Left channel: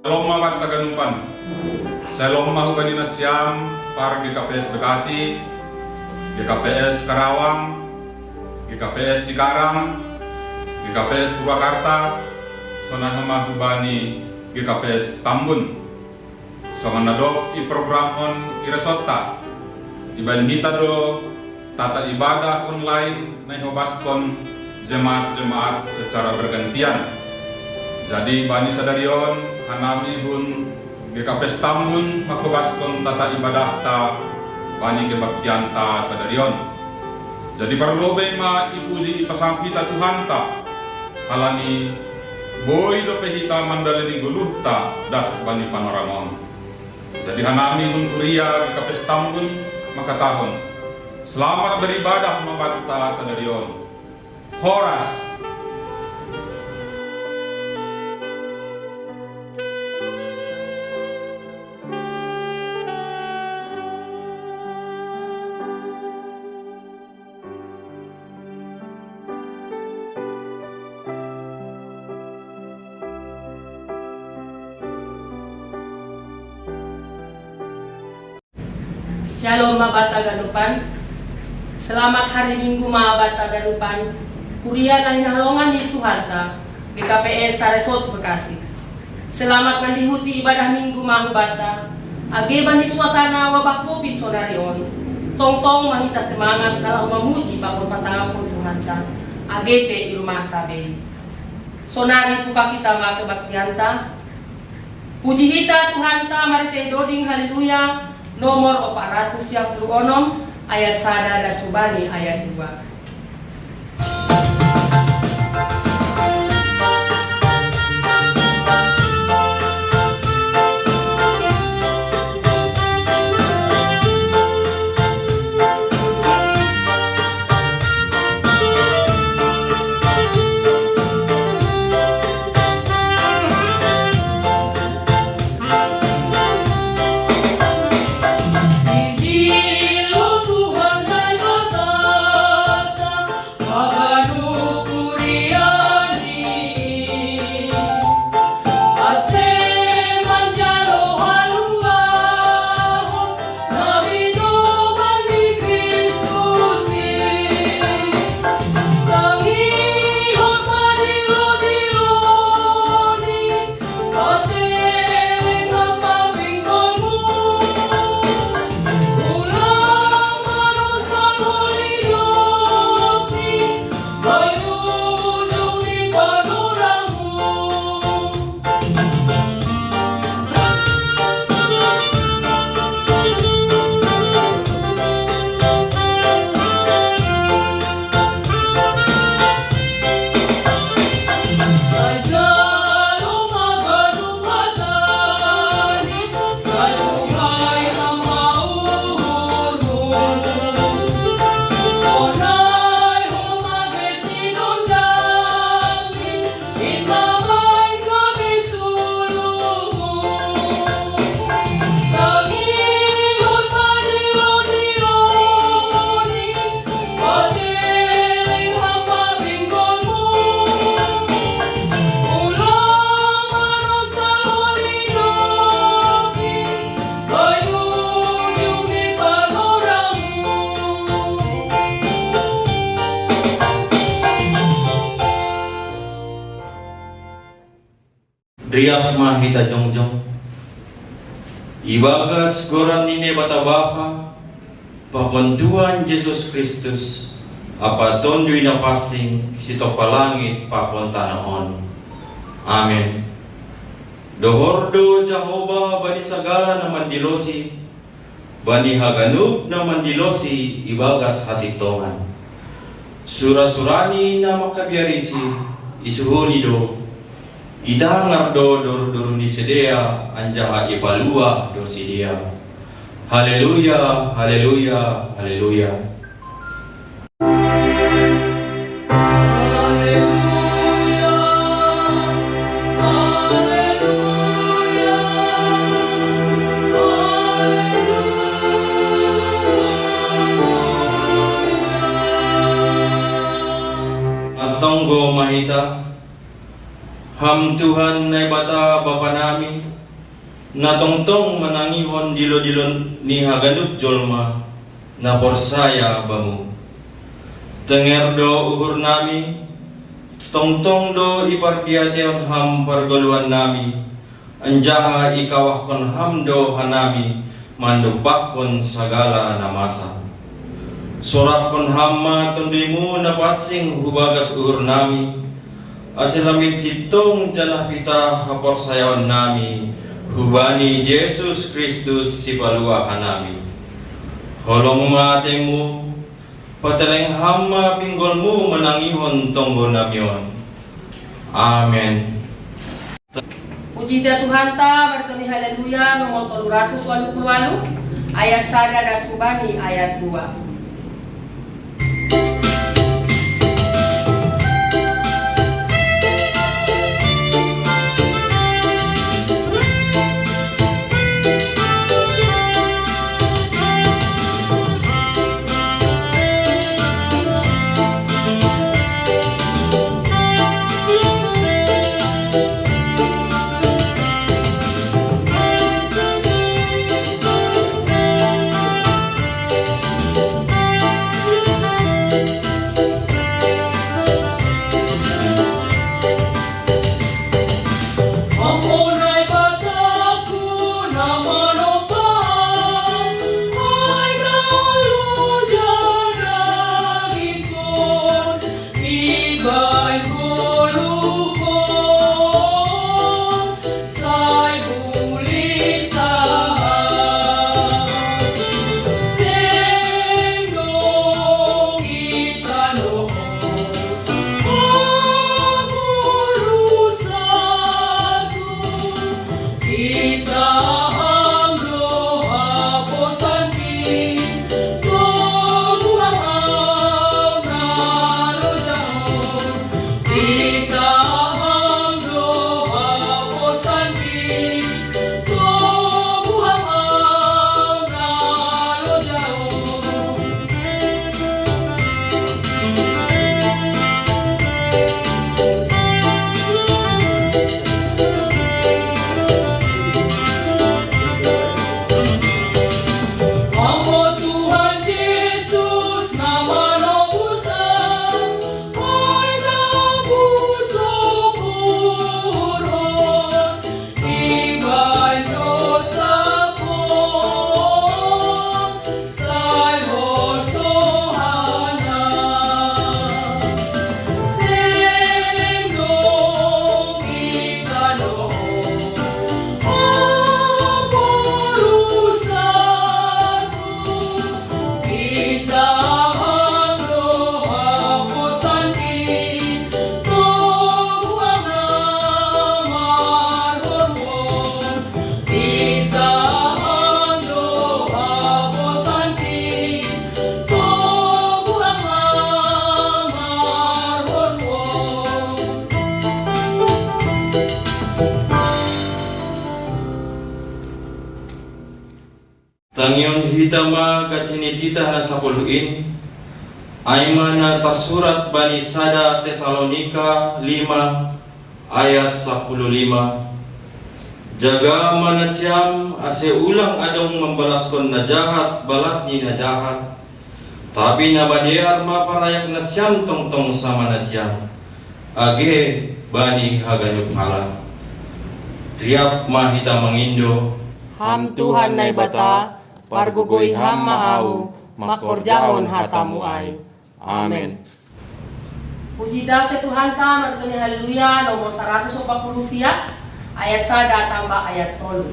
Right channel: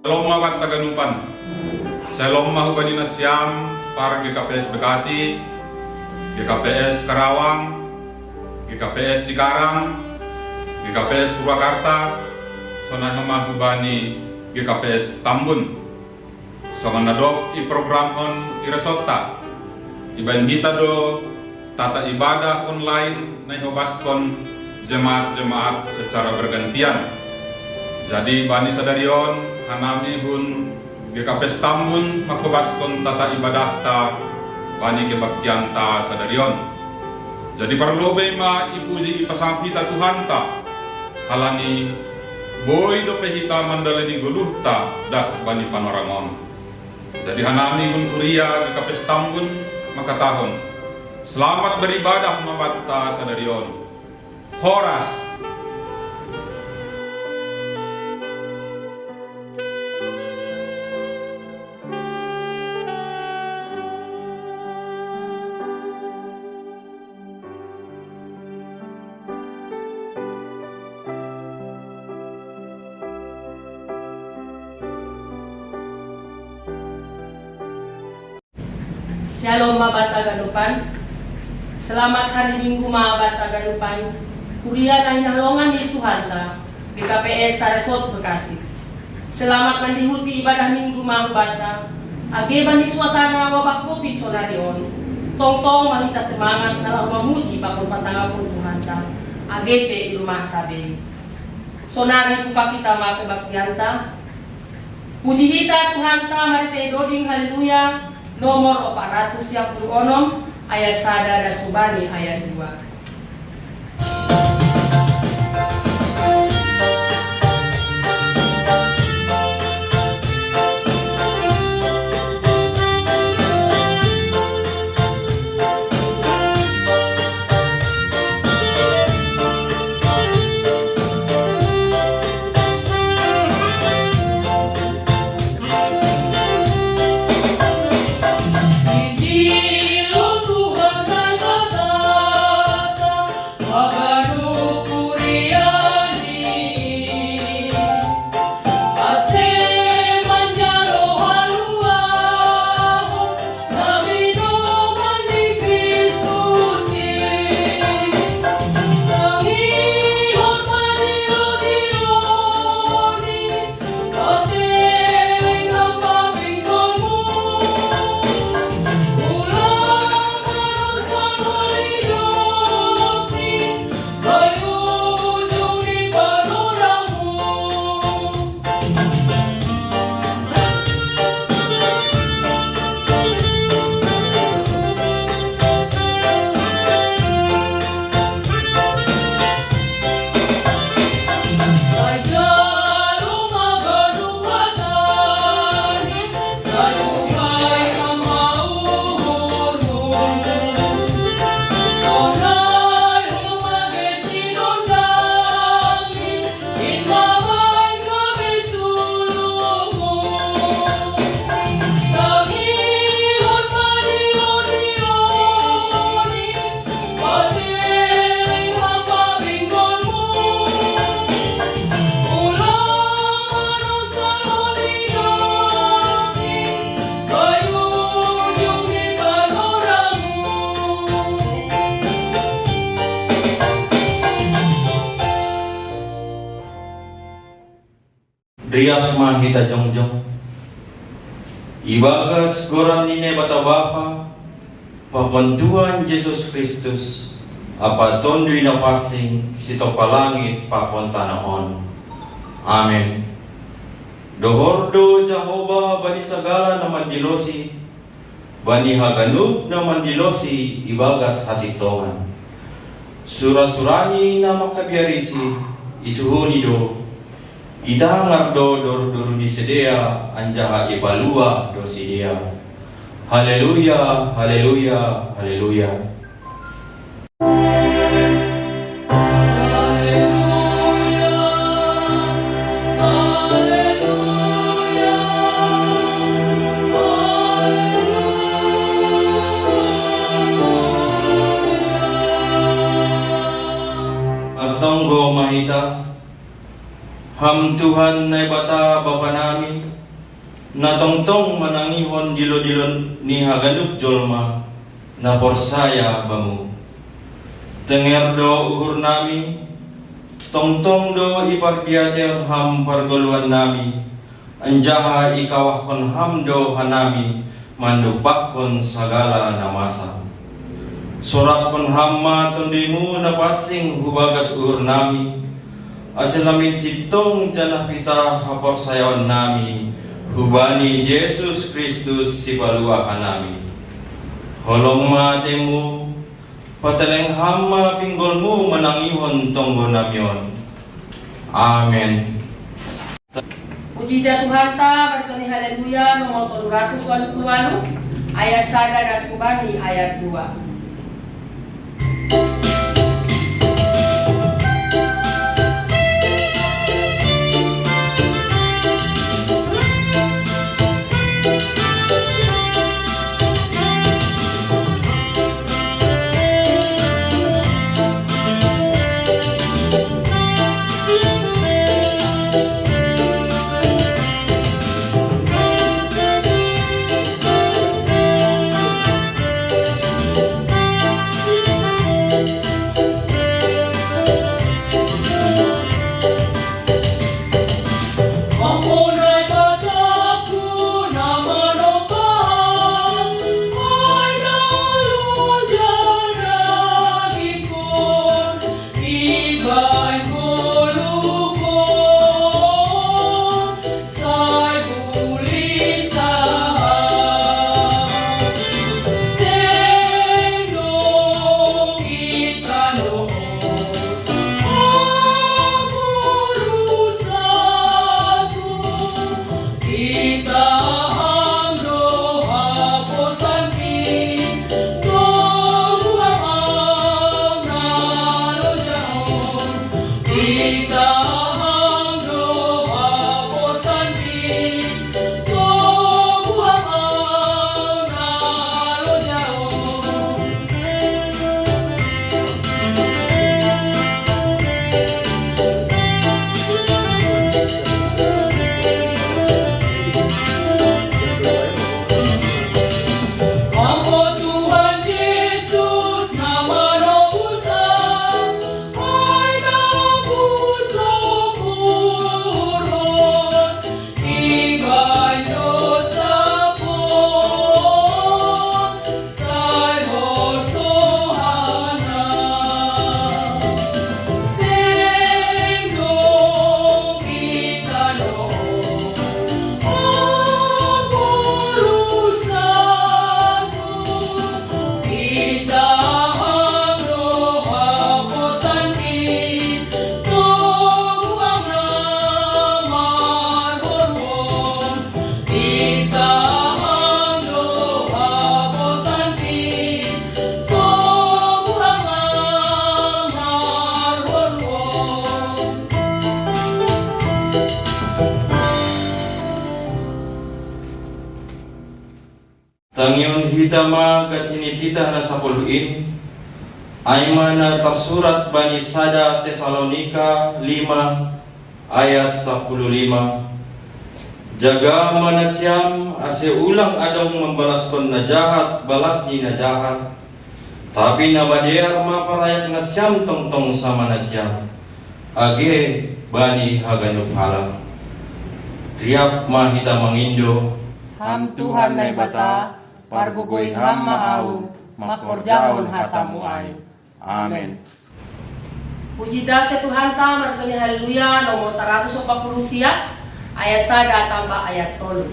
Shalom mabat taganupan. Shalom mahubani na siyam para GKPS Bekasi, GKPS Karawang, GKPS Cikarang, GKPS Purwakarta, sonah mahubani GKPS Tambun. Songan nadok i program on iresota. Iban hita do tata ibadah online na ihobaskon jemaat-jemaat secara bergantian. Jadi bani sadarion hanami hun GKPS Tambun makubaskon tata ibadah ta bani kebaktian ta sadarion. Jadi perlu ma ipuji ipasang hita Tuhan ta halani boy do pehita mandaleni guluh ta das bani panorangon. Jadi hanami hun kuria GKPS Tambun makatahon selamat beribadah mabatta sadarion. Horas. Shalom mga Taganupan. Selamat hari Minggu mga Taganupan. Kuria na hinalongan di Tuhan ta GKPS Saresot Bekasi. Selamat nandihuti ibadah Minggu mga bata. Ageban di suasana wabak COVID sonarion. Tong-tong mahita semangat kalau memuji bakul pasangan pun Tuhan ta. Agepe di rumah tabe. Sonari buka kita mga kebaktian ta. Puji hita Tuhan ta marite doding haleluya. Nomor 426 ayat 1 dan Subani ayat 2. Riyak mahita jongjong ibagas goram nine bata bapa pabantuan Yesus Kristus apa tondui na pasing sito palangit papunta naon. Amen. Dohordo Jehovah bani sagara na mandilosi bani haganub na mandilosi ibagas hasitongan sura-surani na makabiarisi isuhuni do idangar do dor-dor ni sedea anjaha ibalua do sidia. Haleluya, haleluya, haleluya. Agtonggo mahita Ham Tuhan na bata bapa namin na tongtong manangihon dilo-dilo ni haganup jolma na porsaya bamu. Tengerdo uhur nami, tongtong do ipardiateon ham pargaluan nami, anjaha ikawahkon ham do hanami, mandupakon segala namasa. Sorapkon hamma tundimu na pasing hubagas uhur nami, asilamin sitong janah pita haporsayawan nami, hubani Yesus Kristus si palua hanami. Holong matemu, pateleng hamma pinggolmu menangihon tonggo namyon. Amen. Puji dah Tuhan ta, berkami haleluya, nomor 288, ayat 1 dan subani ayat 2. Tangyon hitama katini tita na sapuluin, ay mana tasurat bani sada Tesalonika 5 ayat 15. Jaga manasyam ase ulang adong membalaskan na jahat balas ni na jahat, tapi na badiar maparayak na siyam tongtong sama na siyam. Age bani haganup halat. Riap mahita mangindo, Ham Tuhan nai bata, pargugoi ham maau, makorjaon hatamu ai. Amen. Puji dah Tuhan ta, berkami haleluya, nomor 140 ayat 1 tambah ayat 3.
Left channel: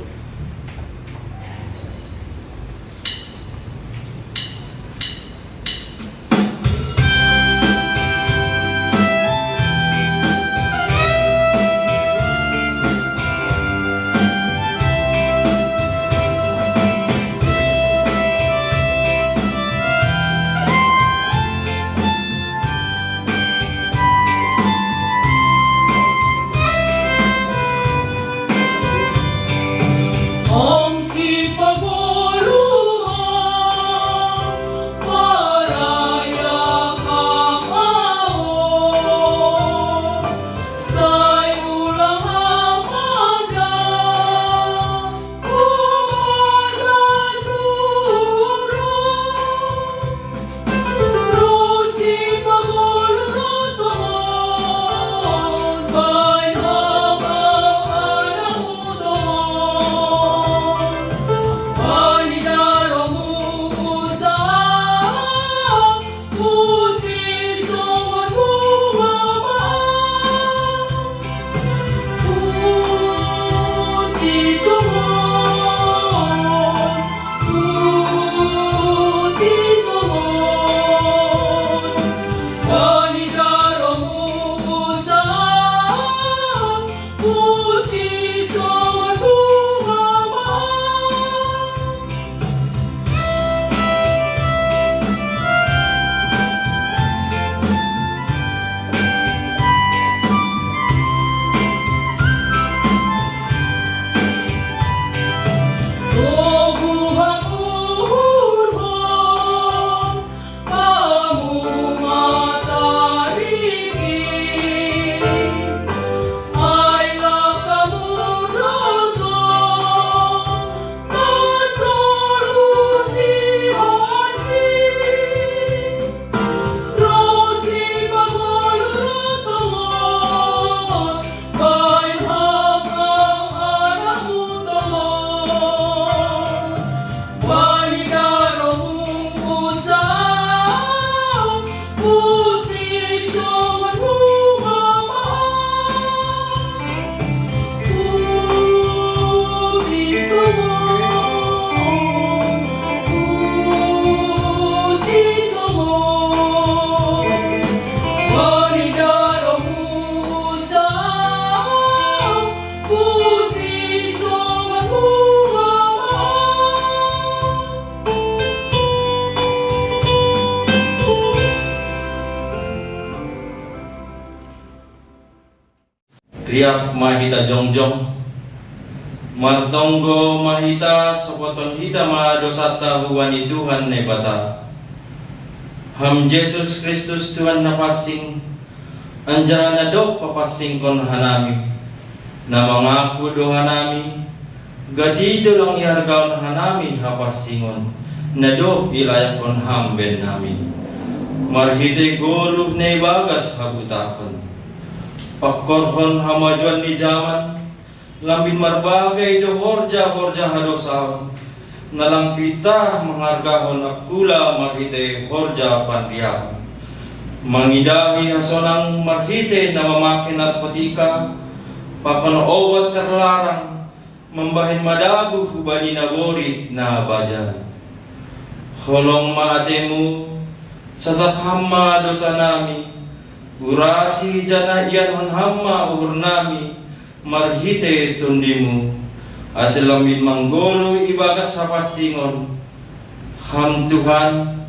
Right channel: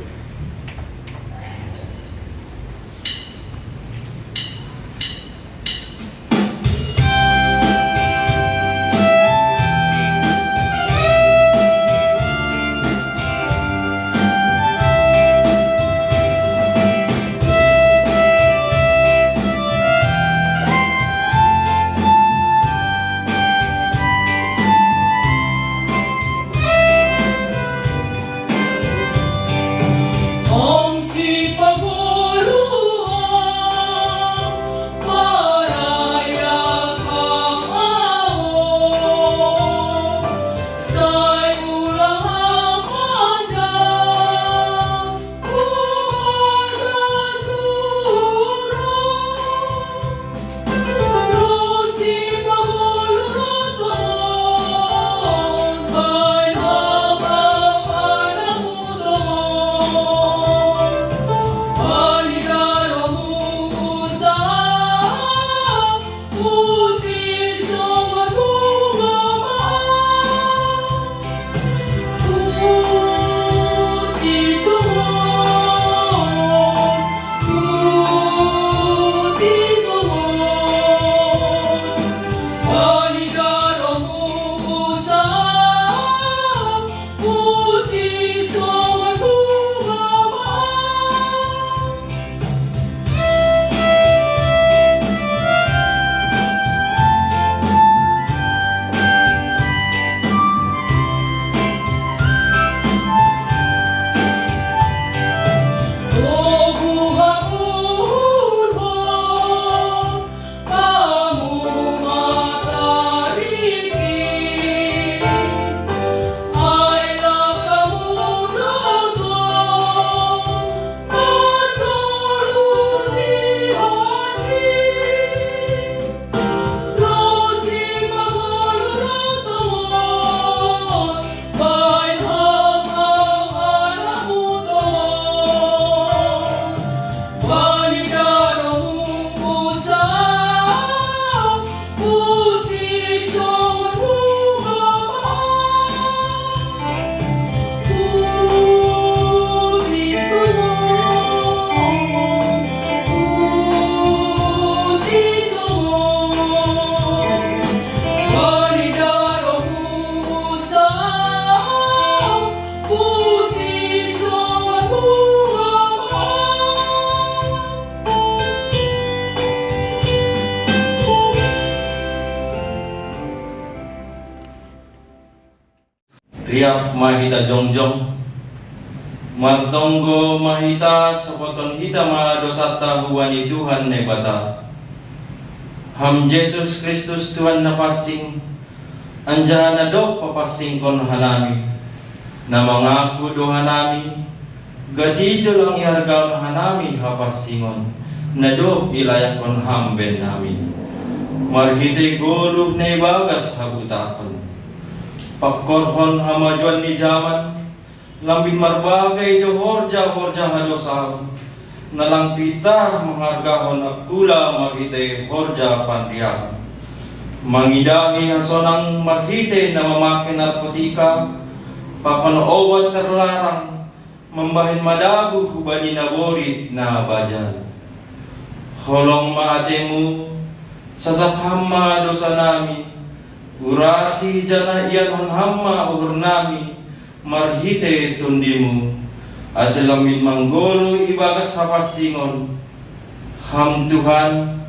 riak mahita jongjong martonggo mahita sopoton kita ma dosata huwani Tuhan ne bata. Ham Yesus Kristus Tuhan na pasing anja na dok papasing kon hanami na mangaku do hanami gadido lang yargaon hanami hapasingon na dok ilayak kon hamben nami marhite goluh ne bagas habutakon pakkorhon hamajuan ni zaman lambin marbagai do horja hadosaw nalampita menghargahon akula marhite horja panbiak mangidahi hasonang marhite na mamake narkotika pakon owat terlarang membahin madagu hubani naborit na bajan holong maademu sasap hamma dosa nami urasi jana iyan hon hamma uhur nami marhite tundimu aselamin manggolo ibagas hapasingon ham Tuhan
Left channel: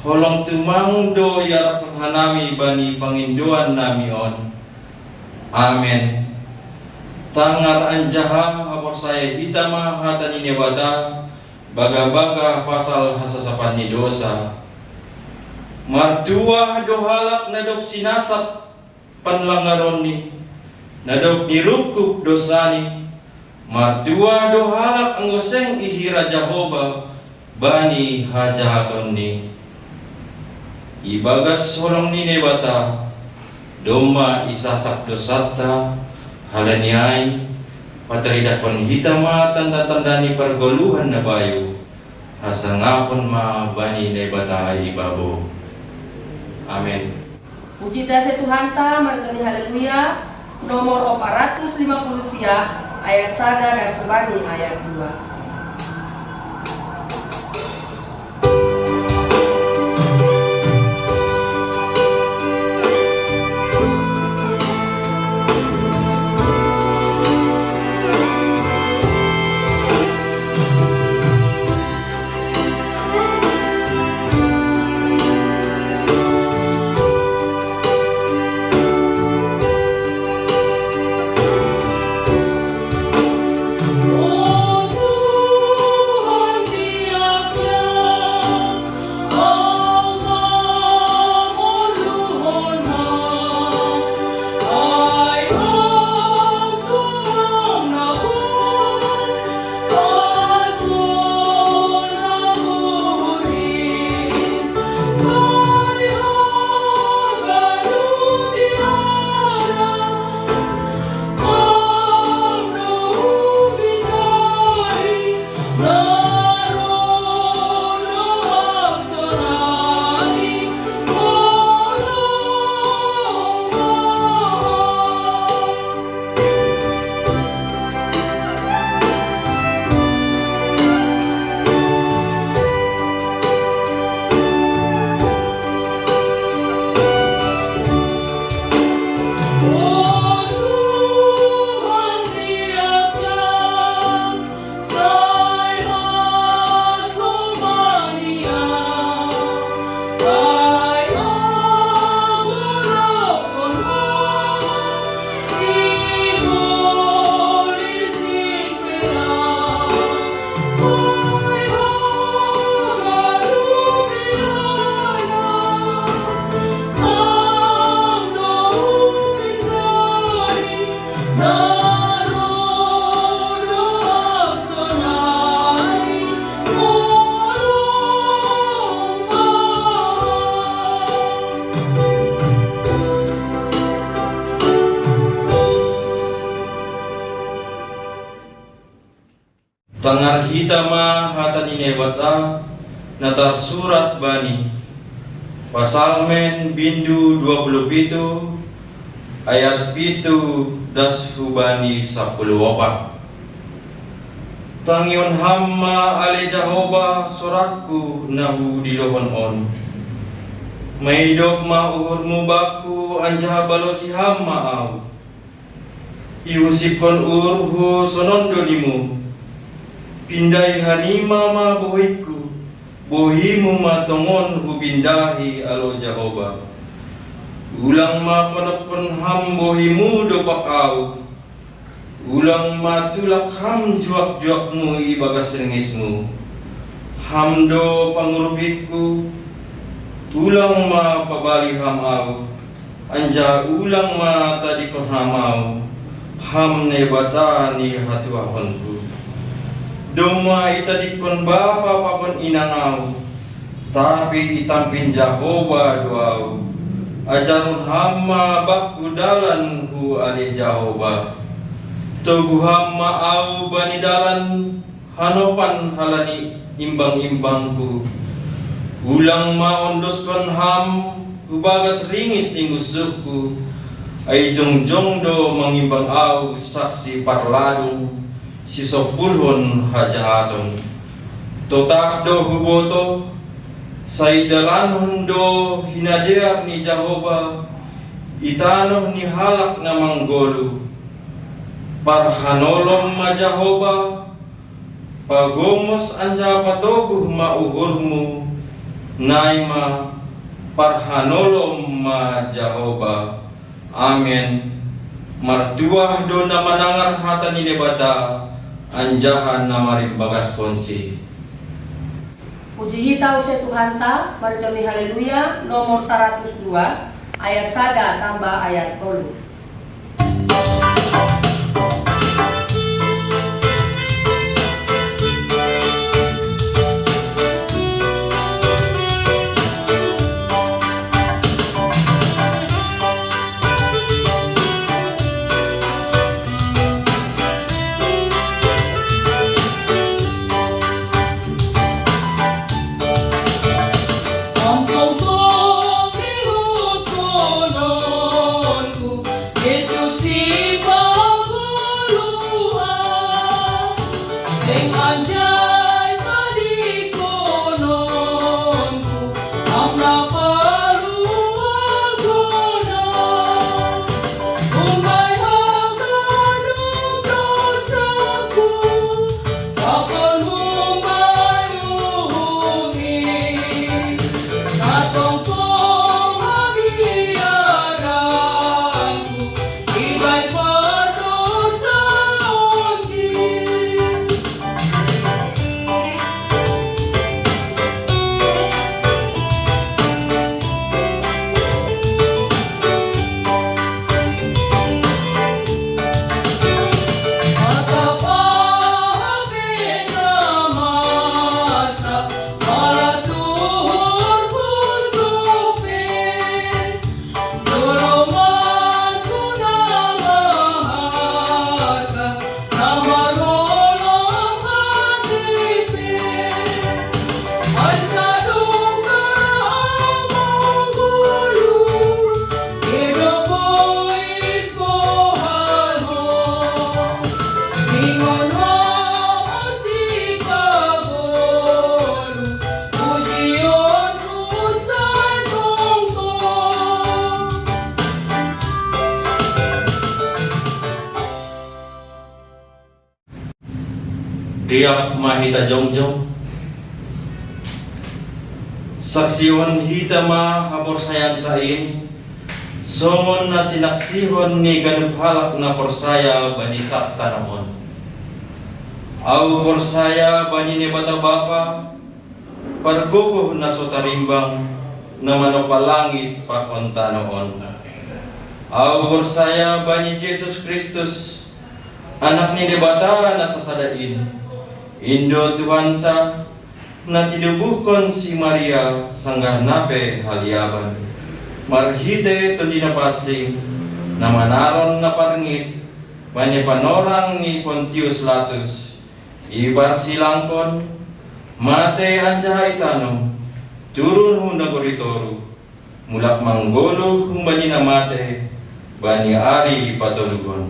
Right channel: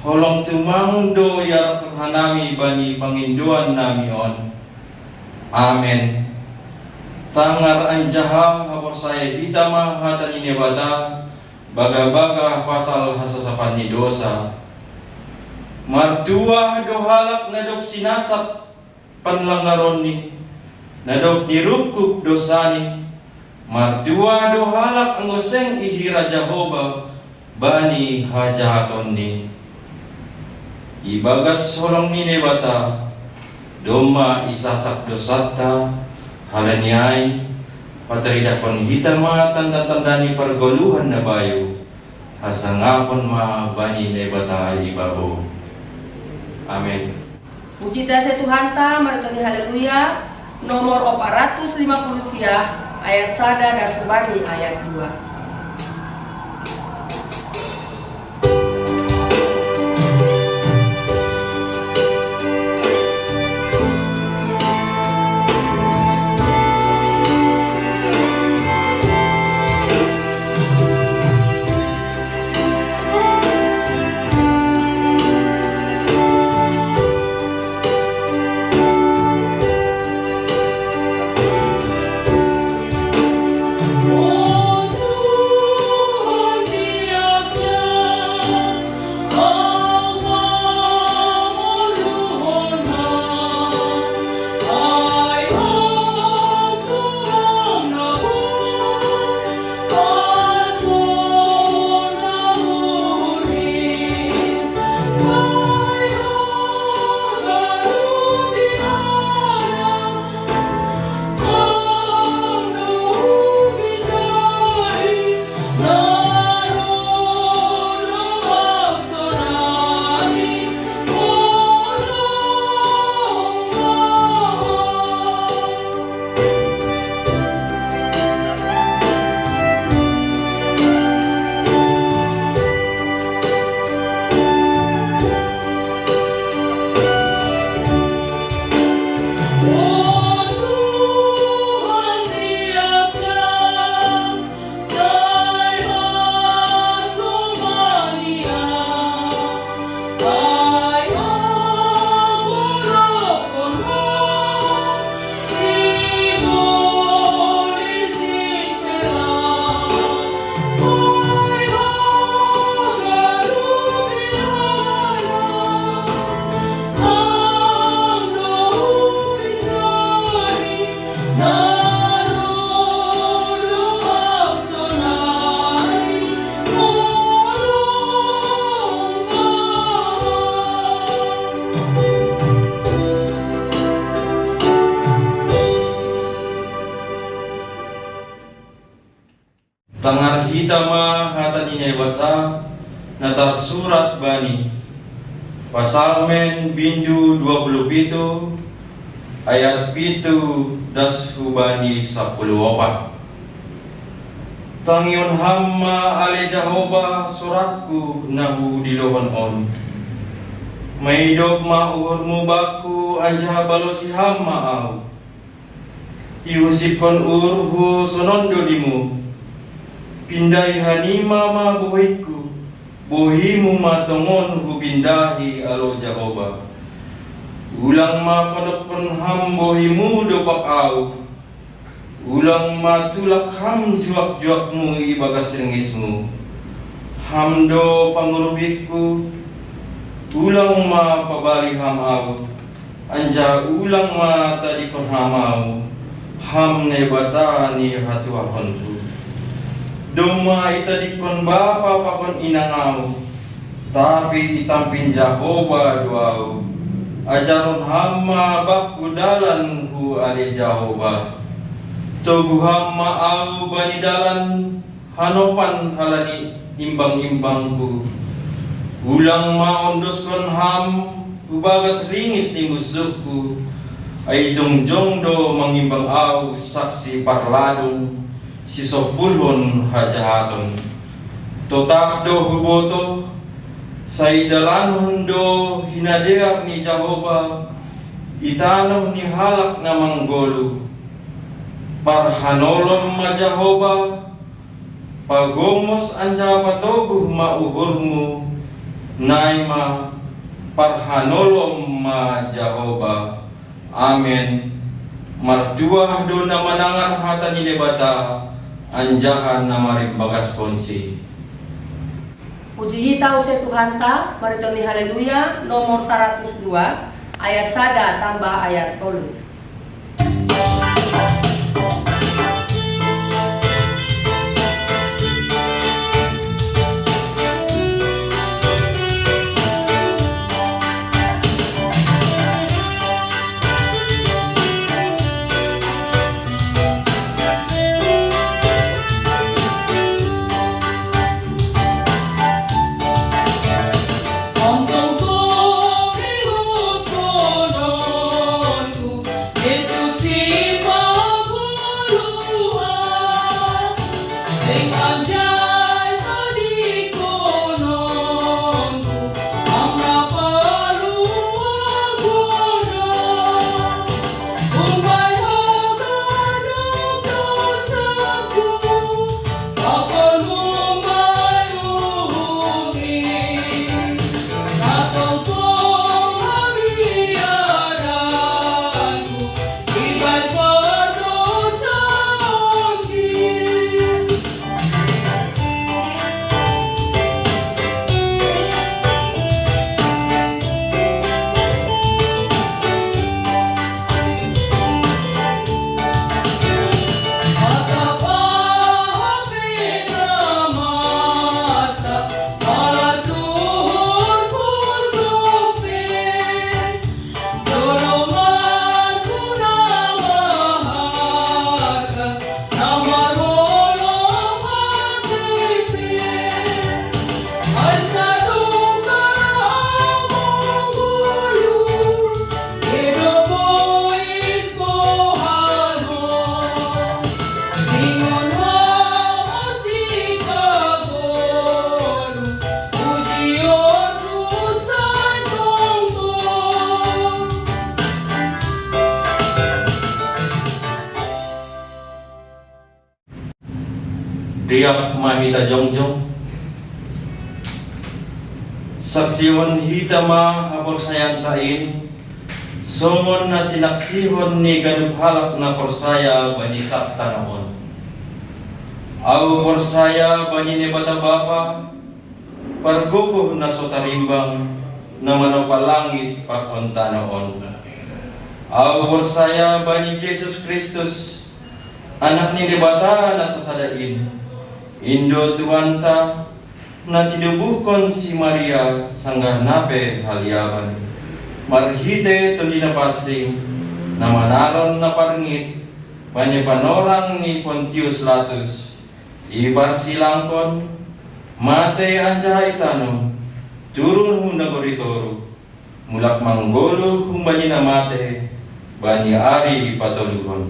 holong tumangdo yarap hanami bani panginduan nami on. Amen. Tangar anjaha hapasaya hitama hatan ini bata baga-baga pasal hasasapan ni dosa martua dohalak nadok sinasap panlangaron ni nadok nirukuk dosani martua dohalak ngoseng ihira Jehovah bani hajahaton ni ibagas solong ni nebata doma isasak dosata halanyai pateridakon hitama tanda-tanda ni pergoluhan na bayo asangapon ma bani nebata ibabo. Amin. Puji dasa Tuhan ta, martoni haleluya. Nomor 450 ayat 1 dan subani ayat 2. Tangar hitama hatan ini bata natar surat bani pasalmen bindu 27 ayat 7 das hubani 10 tangion hamma ale Jehovah suratku nahu dilohon on maidop ma uhurmu baku anjah balosi hamma au iusipon urhu sonondo dimu pindai hanima ma bohiku bohimu matongon hubindahi alo Jehovah ulang ma penepon ham bohimu dopak au Ulang matulak ham juak-juakmu ibagas rengismu. Hamdo pangurubikku, ulang ma pabali ham au. Anja ulang ma tadi kon ham au. Ham nebata ni hatu ahonku. Doma itadi kon bapa pakon inangau. Tapi itampin Jehovah doau. Ajarun hamma bakku dalan hu ari Jehovah. Togu hamma au bani dalan hanopan halani imbang-imbangku. Ulang ma ondoskon ham ubagas ringis ni musuhku. Ay jongjong do mangimbang au saksi parladung si sopulhon hajahaton. Totak do huboto saidalan do hinadeak ni Jehovah. Itanoh ni halak na manggolu. Parhanolom ma Jehovah. Pagomos anja patoguh ma uhurmu. Naima parhanolom ma Jehovah. Amin. Martuah do na manangar hata ni debata. Anjahan na marimbagas konsi. Puji tahu se Tuhan ta, marito ni haleluya nomor 102 ayat 1 tambah ayat 3. Riak mahita jongjong saksihon hitama hapor sayan tain somon na sinaksihon ni ganup halak na porsaya bani sakta naon au porsaya bani ni bata bapa pargogo na sotarimbang na manopalangit pakonta naon au porsaya bani Jesus Kristus anak ni bata na sasadain Indo Tuhanta na tinubuhkon si Maria sanggah nape haliaban marhite to dinapasing na manaron na parngit panipanorang ni Pontius Latus ibar silangkon mate anja itano turun huna goritoro mulak manggolo humbani na mate bani ari patulugon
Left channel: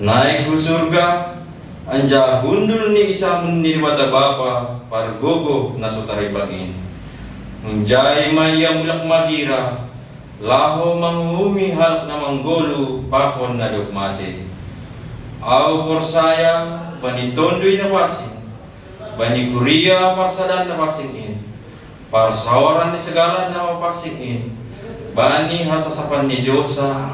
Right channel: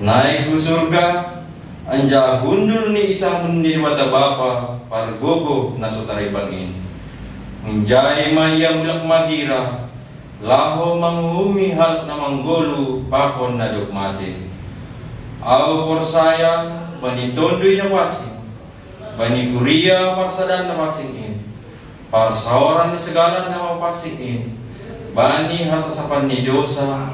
naik ku surga anja hundul ni isamun ni wata bapa pargogo na sutaribangin menjai maya mulak magira laho manghumi hal na manggolo pakon na dok mate au porsaya bani tondoy na wasing bani kuria parsadan na wasingin parsawaran ni segala na mapasingin bani hasasapan ni Diyosa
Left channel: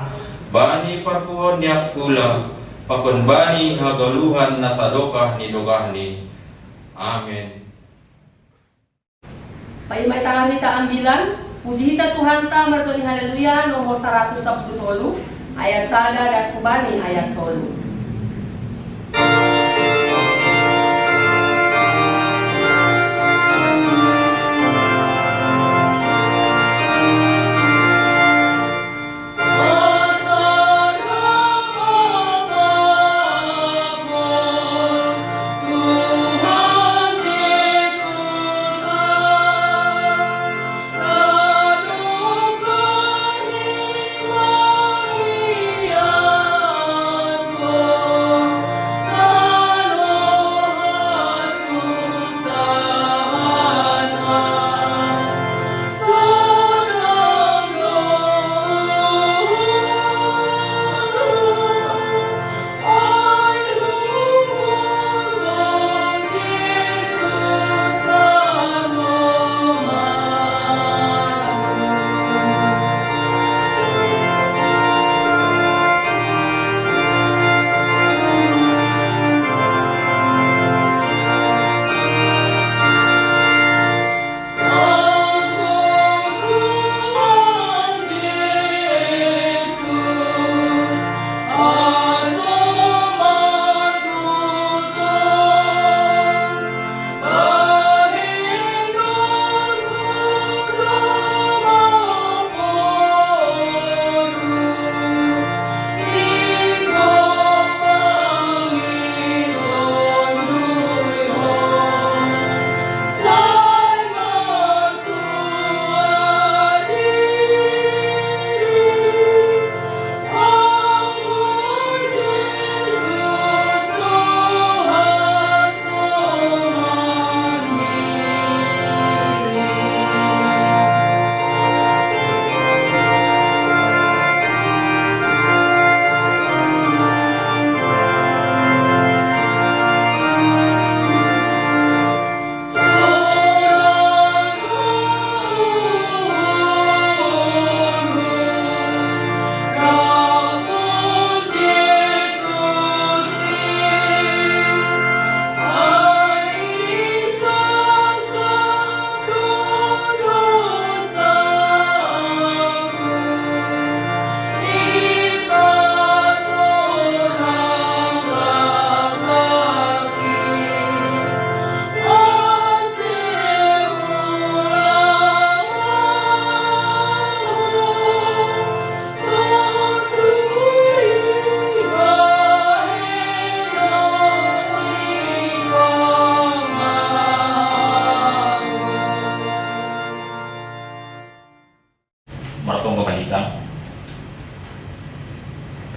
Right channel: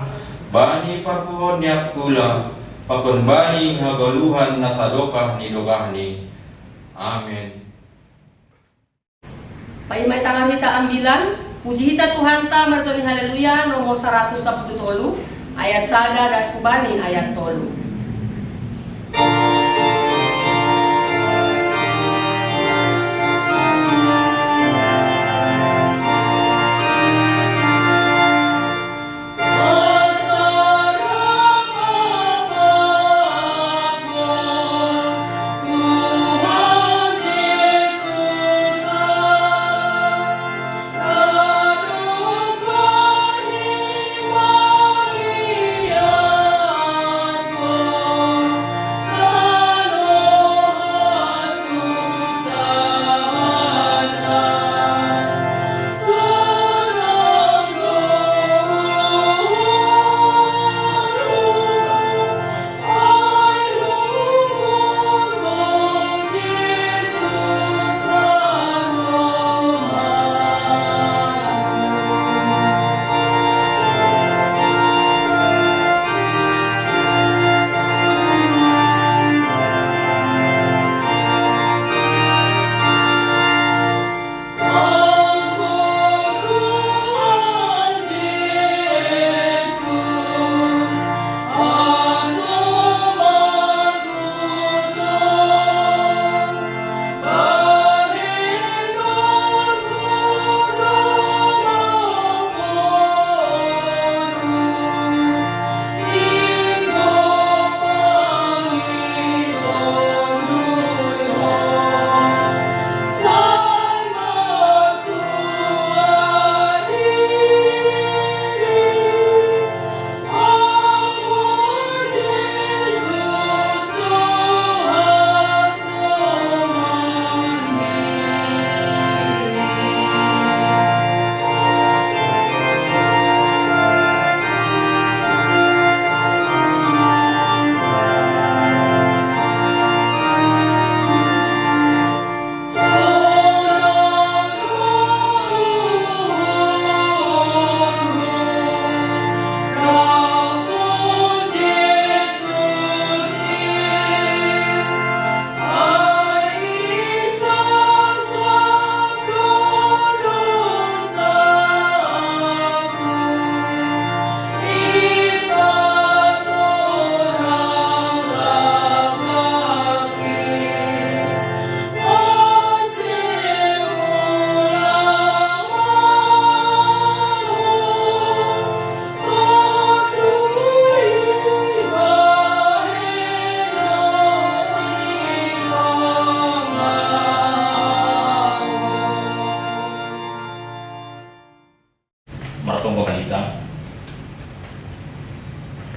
bani parpuhon ni akula pakon bani hagaluhan nasadokah ni dogahni. Amin. Paimay tangarita ambilan, puji hita Tuhan ta martoni haleluya nomor 110 ayat sada dan subani ayat 3.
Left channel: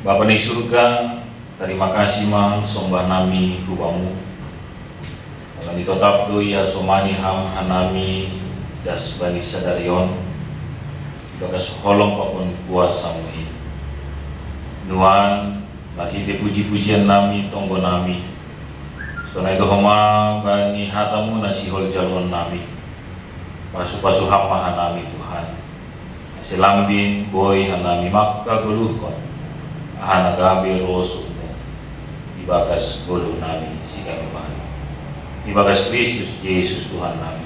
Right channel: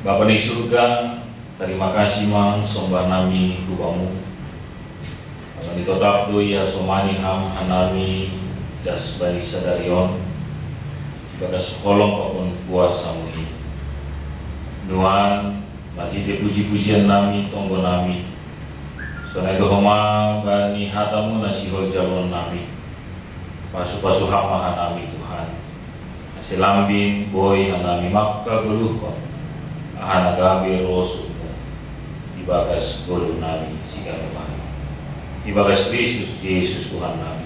Bapa di surga, terima kasih man sombah nami rubamu. Kami tetap doi ya somani ham hanami das bani sadarion. Bagas holong papun kuasa mui. Nuan lahide puji-pujian nami tonggo nami. Sonai dohoma bani hatamu nasihol jalon nami. Pasu-pasu hama hanami Tuhan. Asilambing boy hanami makka geluhkon. Ahana gabi rosumu ibagas bodoh nami sikang bahan ibagas Kristus Yesus Tuhan nami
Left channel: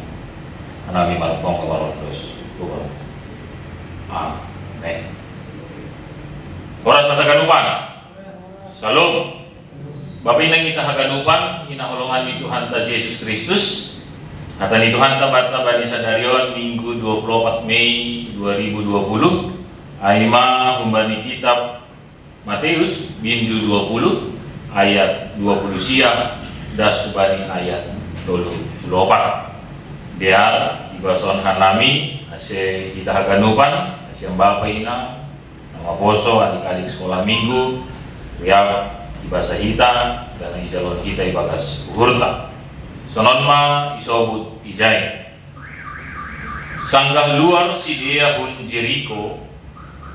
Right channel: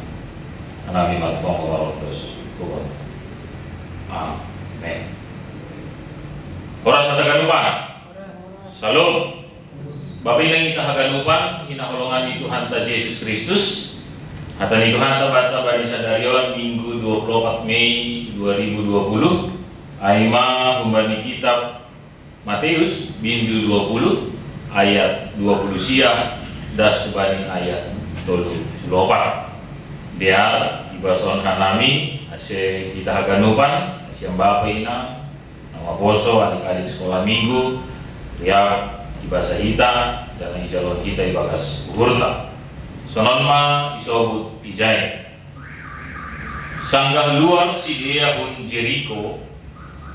anami matpong kawarotos Tuhan. Amen. Oras na taganupan. Salom. Bapak inang kita haganupan hinaholongan ni Tuhan ta Yesus Kristus. Hata ni Tuhan ta bata bani sadarion Minggu 24 Mei 2020. Aima humbani kitab Matius bindu 20 ayat 20 sia das subani ayat 34. Dia ibason hanami ase kita haganupan ase bapa ina nama boso adik-adik sekolah minggu ria ibasa hita dan ijalon kita ibagas uhurta sononma isobut ijai sanggah luar si dia hun Jericho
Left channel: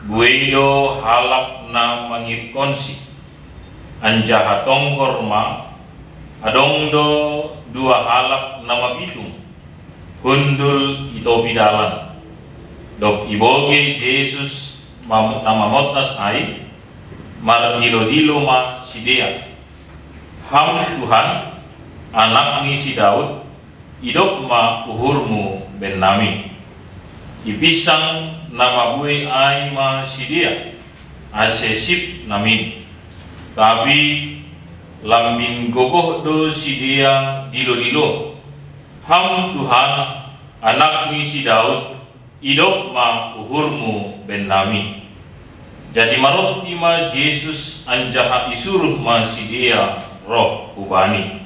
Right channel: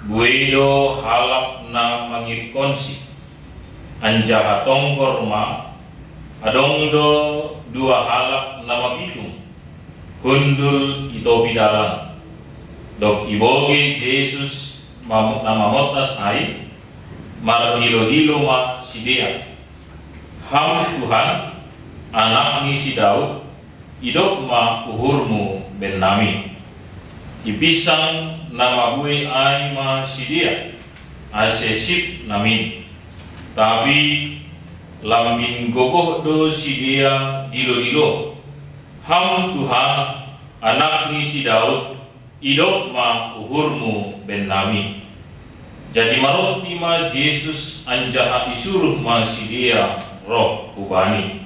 buedo halap na mangirkonsi anjaha tongkorma adongdo dua halap nama pitung kundul ito pidalan dok iboge Jesus nama motas ai margilo-dilo ma sidea. Ham Tuhan, anak ni si Daud, hidup ma uhurmu ben nami. Ipisang nama bui ai ma sidea, asesip nami. Tapi lambing gogoh do sidea dilo-dilo. Ham Tuhan, anak ni si Daud, hidup ma uhurmu ben nami. Jadi maroti ma Yesus anjaha isuruh ma sidea roh ubani.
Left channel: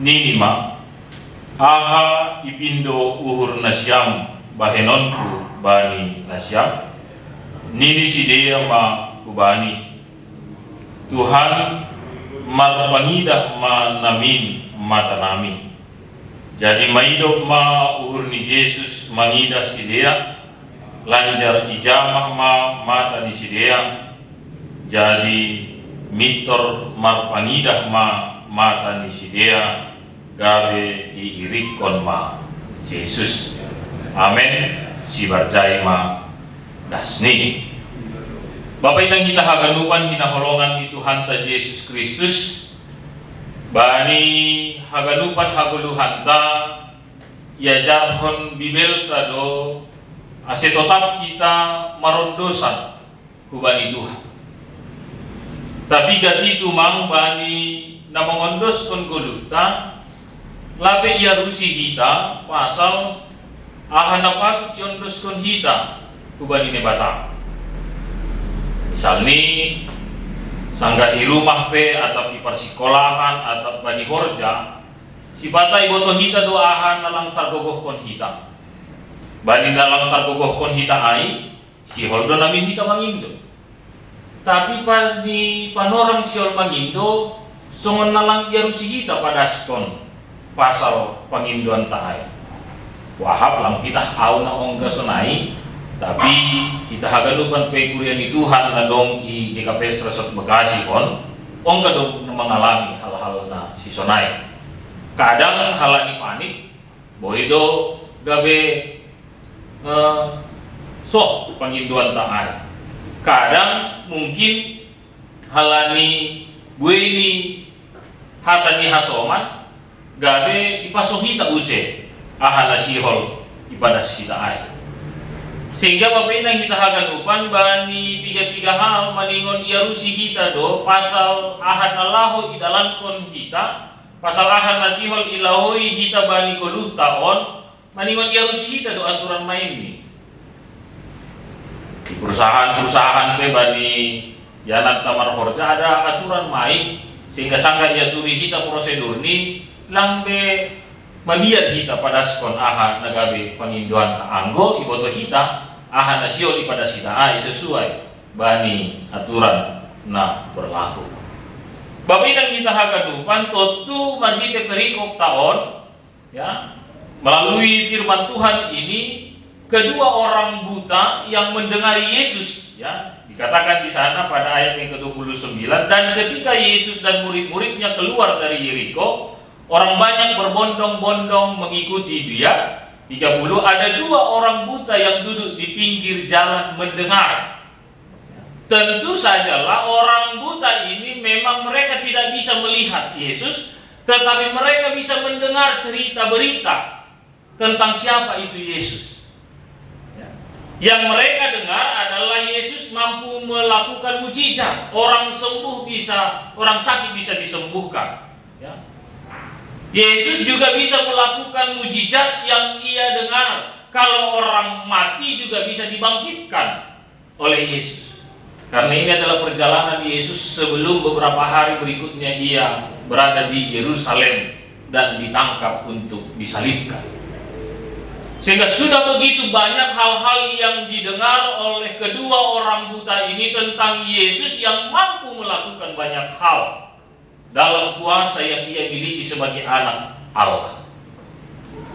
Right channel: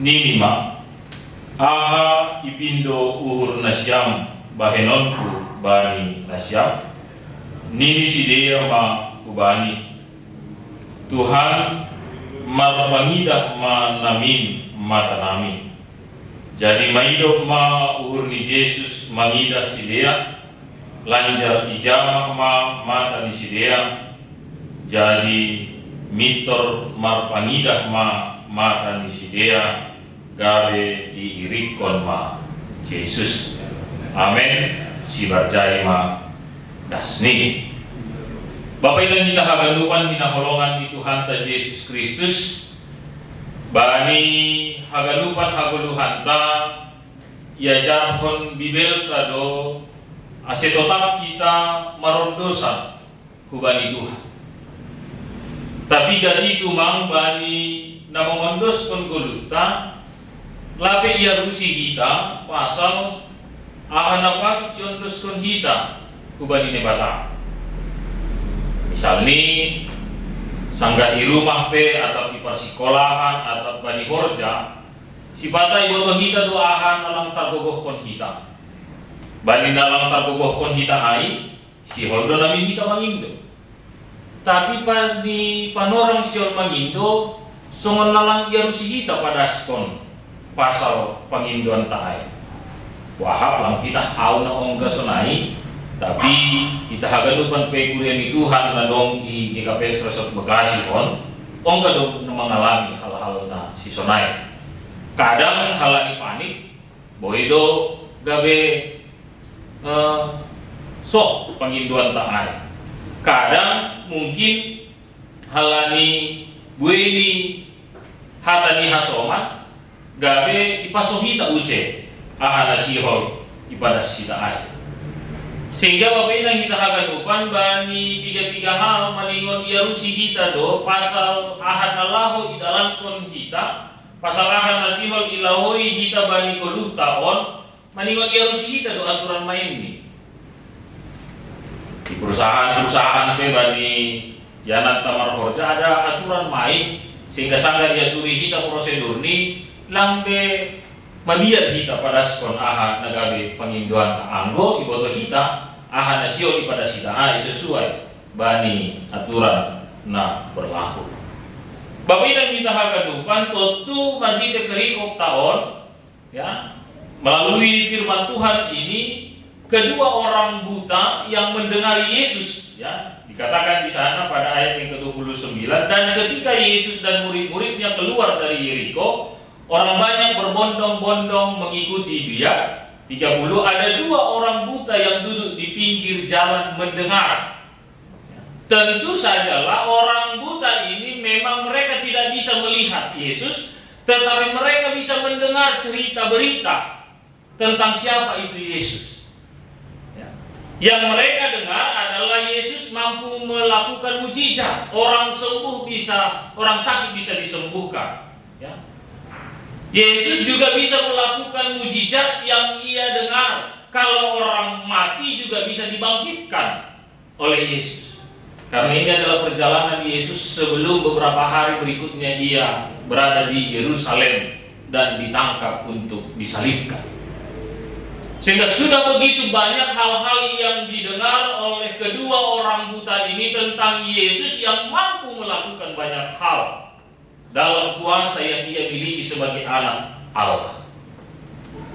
Nini ma aha ipindo uhur nasyam bahenonku bani nasyam. Nini sidea ma ubani. Tuhan marpangidah ma namin mata nami. Jadi maidop ma uhur ni Yesus mangidah sidea, lanjar ijamah ma mata ni sidea. Jadi mitor marpangidah ma mata ni sidea, gabe iirikon ma Yesus. Amen. Si barjay ma dasni. Bapak ilang kita haganupan hinaholongan ni Tuhan ta Yesus Kristus. Bani haganupan haguluhan ta iajarhon bibel tado ase tetap kita marondosan hubani Tuhan. Tapi jadi tumang bani namongondos kon goluta labe ia rusi kita pasal ahanapak yondos kon hita hubani ne batang. Misal ni sanggah di rumah pe atau di persikolahan atau bani horja si batai boto hita doahan nalang targogoh kon hita bani nalang targogoh kon hita ai si holdo nami hita mangindo tapi bani panorang siol mangindo songon nalang iarusi hita pada skon pasal pangindoan taai wahap lang kita au na ongga sonai. Tapi kita haganupan pe kurian ni Tuhan na dong i GKP Stresot Bekasi pon ongga dong mengalami hal-hal na si sonai. Kadang halani panik boido gabe sok panginduan taai. Kadang mungkin halani bueni hatani hasoman gabe ipasohita use ahana sihol ipadas kita ai. Sehingga Bapak Ilang kita haganupan bani tiga hal maningon iarusi kita do pasal ahad Allahu idalankon kita pasal ahad nasihol ilahoi kita bani goluh taon maningon iarusi kita do aturan main ni di perusahaan pe bani yanan tamar horja ada aturan main sehingga sangga diaturi kita prosedur ni lambe maliat kita pada skon ahad nagabe panginduan anggo iboto kita aha nasio pada sita ai sesuai bani aturan na berlaku. Bapak yang kita haganupan tentu bagi perikop tahun ya melalui firman Tuhan ini kedua orang buta yang mendengari Yesus ya dikatakan di sana pada ayat yang ke-29 dan ketika Yesus dan murid-muridnya keluar dari Yeriko orang banyak berbondong-bondong mengikuti dia. 30 ada dua orang buta yang duduk di pinggir jalan mendengar. Tentu sajalah orang buta ini memang mereka tidak bisa melihat Yesus, tetapi mereka bisa mendengar cerita berita tentang siapa itu Yesus. Yang mereka dengar adalah Yesus mampu melakukan mujizat, orang sakit bisa disembuhkan. Yesus juga bisa melakukan mujizat yang ia dengar. Kalau orang mati juga bisa dibangkitkan oleh Yesus. Karena ini adalah perjalanan Yesus sebelum beberapa hari berikutnya ia berada di Yerusalem dan ditangkap untuk disalibkan. Sehingga sudah begitu banyak hal-hal yang didengar oleh kedua orang buta ini tentang Yesus yang mampu melakukan banyak hal dalam kuasa yang ia miliki sebagai anak Allah.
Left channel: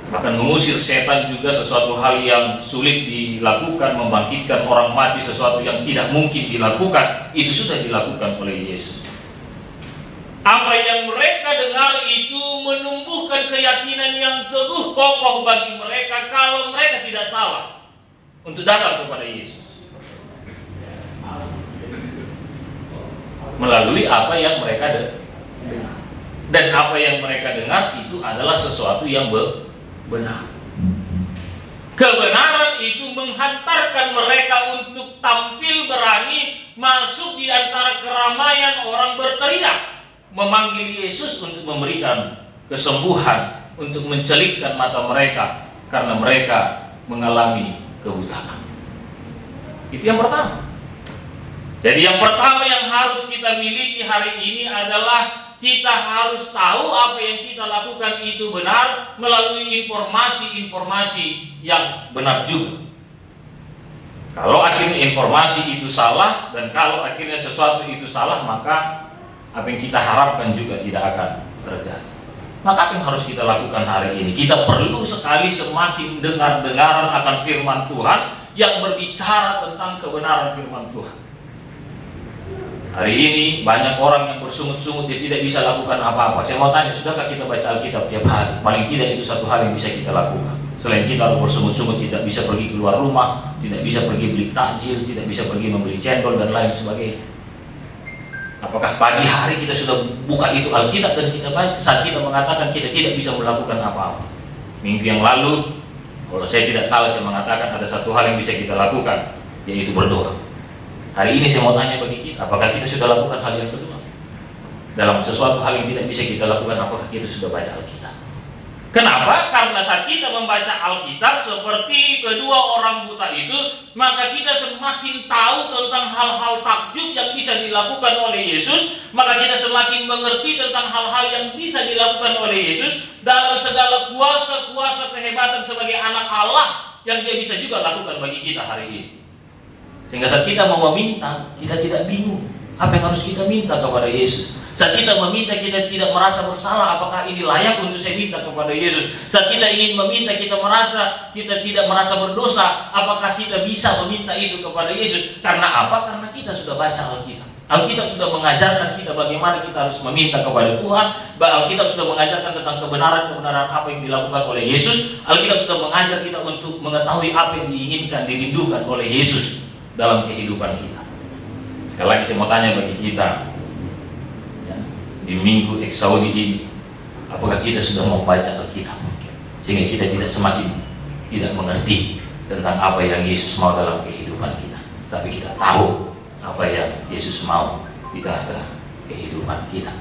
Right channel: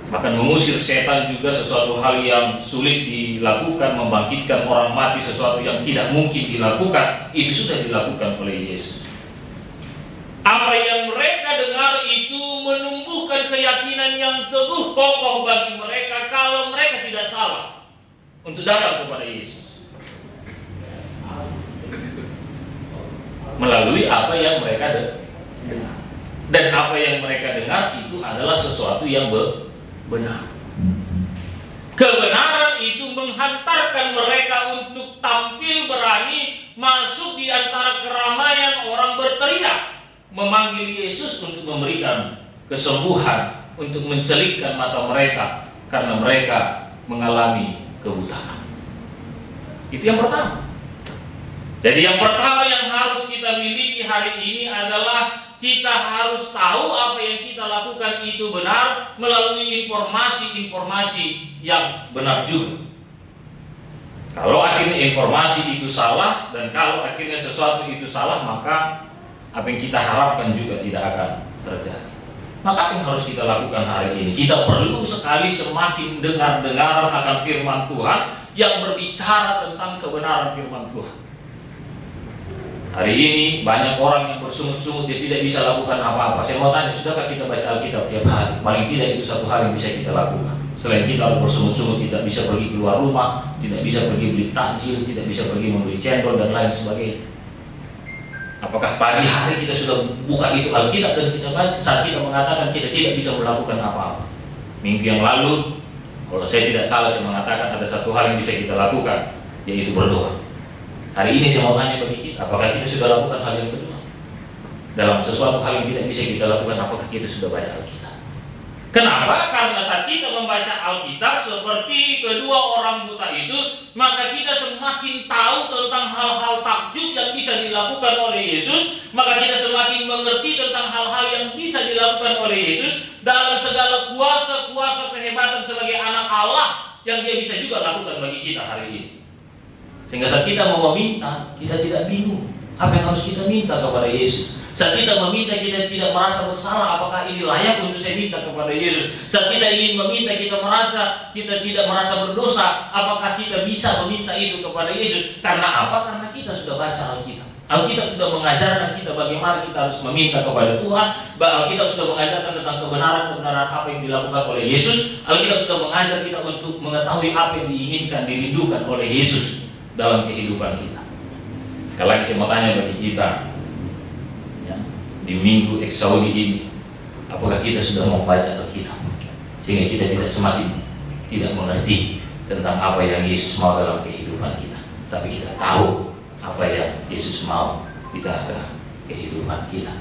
Bahkan mengusir setan juga sesuatu hal yang sulit dilakukan, membangkitkan orang mati sesuatu yang tidak mungkin dilakukan, itu sudah dilakukan oleh Yesus. Apa yang mereka dengar itu menumbuhkan keyakinan yang teguh kokoh bagi mereka kalau mereka tidak salah untuk datang kepada Yesus. melalui apa yang mereka dengar. Dan apa yang mereka dengar itu adalah sesuatu yang benar. Kebenaran itu menghantarkan mereka untuk tampil berani masuk di antara keramaian orang berteriak, memanggil Yesus untuk memberikan kesembuhan, untuk mencelitkan mata mereka karena mereka mengalami kebutaan. Itu yang pertama. Jadi yang pertama yang harus kita miliki hari ini adalah kita harus tahu apa yang kita lakukan itu benar melalui informasi-informasi yang benar juga. Kalau akhirnya informasi itu salah dan kalau akhirnya sesuatu itu salah, maka apa yang kita harapkan juga tidak akan terjadi. Maka apa yang harus kita lakukan hari ini? Kita perlu sekali semakin dengar-dengaran akan firman Tuhan yang berbicara tentang kebenaran firman Tuhan. Hari ini banyak orang yang bersungut-sungut dia tidak bisa lakukan apa-apa. Saya mau tanya, sudahkah kita baca Alkitab tiap hari? Paling tidak itu satu hal yang bisa kita lakukan. Selain kita harus bersungut-sungut, tidak bisa pergi keluar rumah, tidak bisa pergi beli takjil, tidak bisa pergi membeli cendol dan lain sebagainya. Apakah pagi hari kita sudah buka itu Alkitab dan kita baca saat kita mengatakan kita tidak bisa melakukan apa-apa? Minggu yang lalu, kalau saya tidak salah, saya mengatakan ada satu hal yang bisa kita lakukan, yaitu berdoa. Hari ini saya mau tanya bagi kita, apakah kita sudah lakukan hal yang kedua? Dalam sesuatu hal yang tidak bisa kita lakukan, apakah kita sudah baca Alkitab? Kenapa? Karena saat kita membaca Alkitab seperti kedua orang buta itu, maka kita semakin tahu tentang hal-hal takjub yang bisa dilakukan oleh Yesus, maka kita semakin mengerti tentang hal-hal yang bisa dilakukan oleh Yesus dalam segala kuasa-kuasa kehebatan sebagai anak Allah yang dia bisa juga lakukan bagi kita hari ini. Sehingga saat kita mau meminta, kita tidak bingung apa yang harus kita minta kepada Yesus. Saat kita meminta, kita tidak merasa bersalah, apakah ini layak untuk saya minta kepada Yesus. Saat kita ingin meminta, kita tidak merasa berdosa, apakah kita bisa meminta itu kepada Yesus. Karena apa? Karena kita sudah baca Alkitab. Alkitab sudah mengajarkan kita bagaimana kita harus meminta kepada Tuhan. Alkitab sudah mengajarkan tentang kebenaran-kebenaran apa yang dilakukan oleh Yesus. Alkitab sudah mengajar kita untuk mengetahui apa yang diinginkan, dirindukan oleh Yesus dalam kehidupan kita. Sekali lagi saya mau tanya bagi kita, ya, di minggu Eksaudi ini, apakah kita sudah membaca Alkitab sehingga kita tidak semakin tidak mengerti tentang apa yang Yesus mau dalam kehidupan kita, tapi kita tahu apa yang Yesus mau di tengah-tengah kehidupan kita.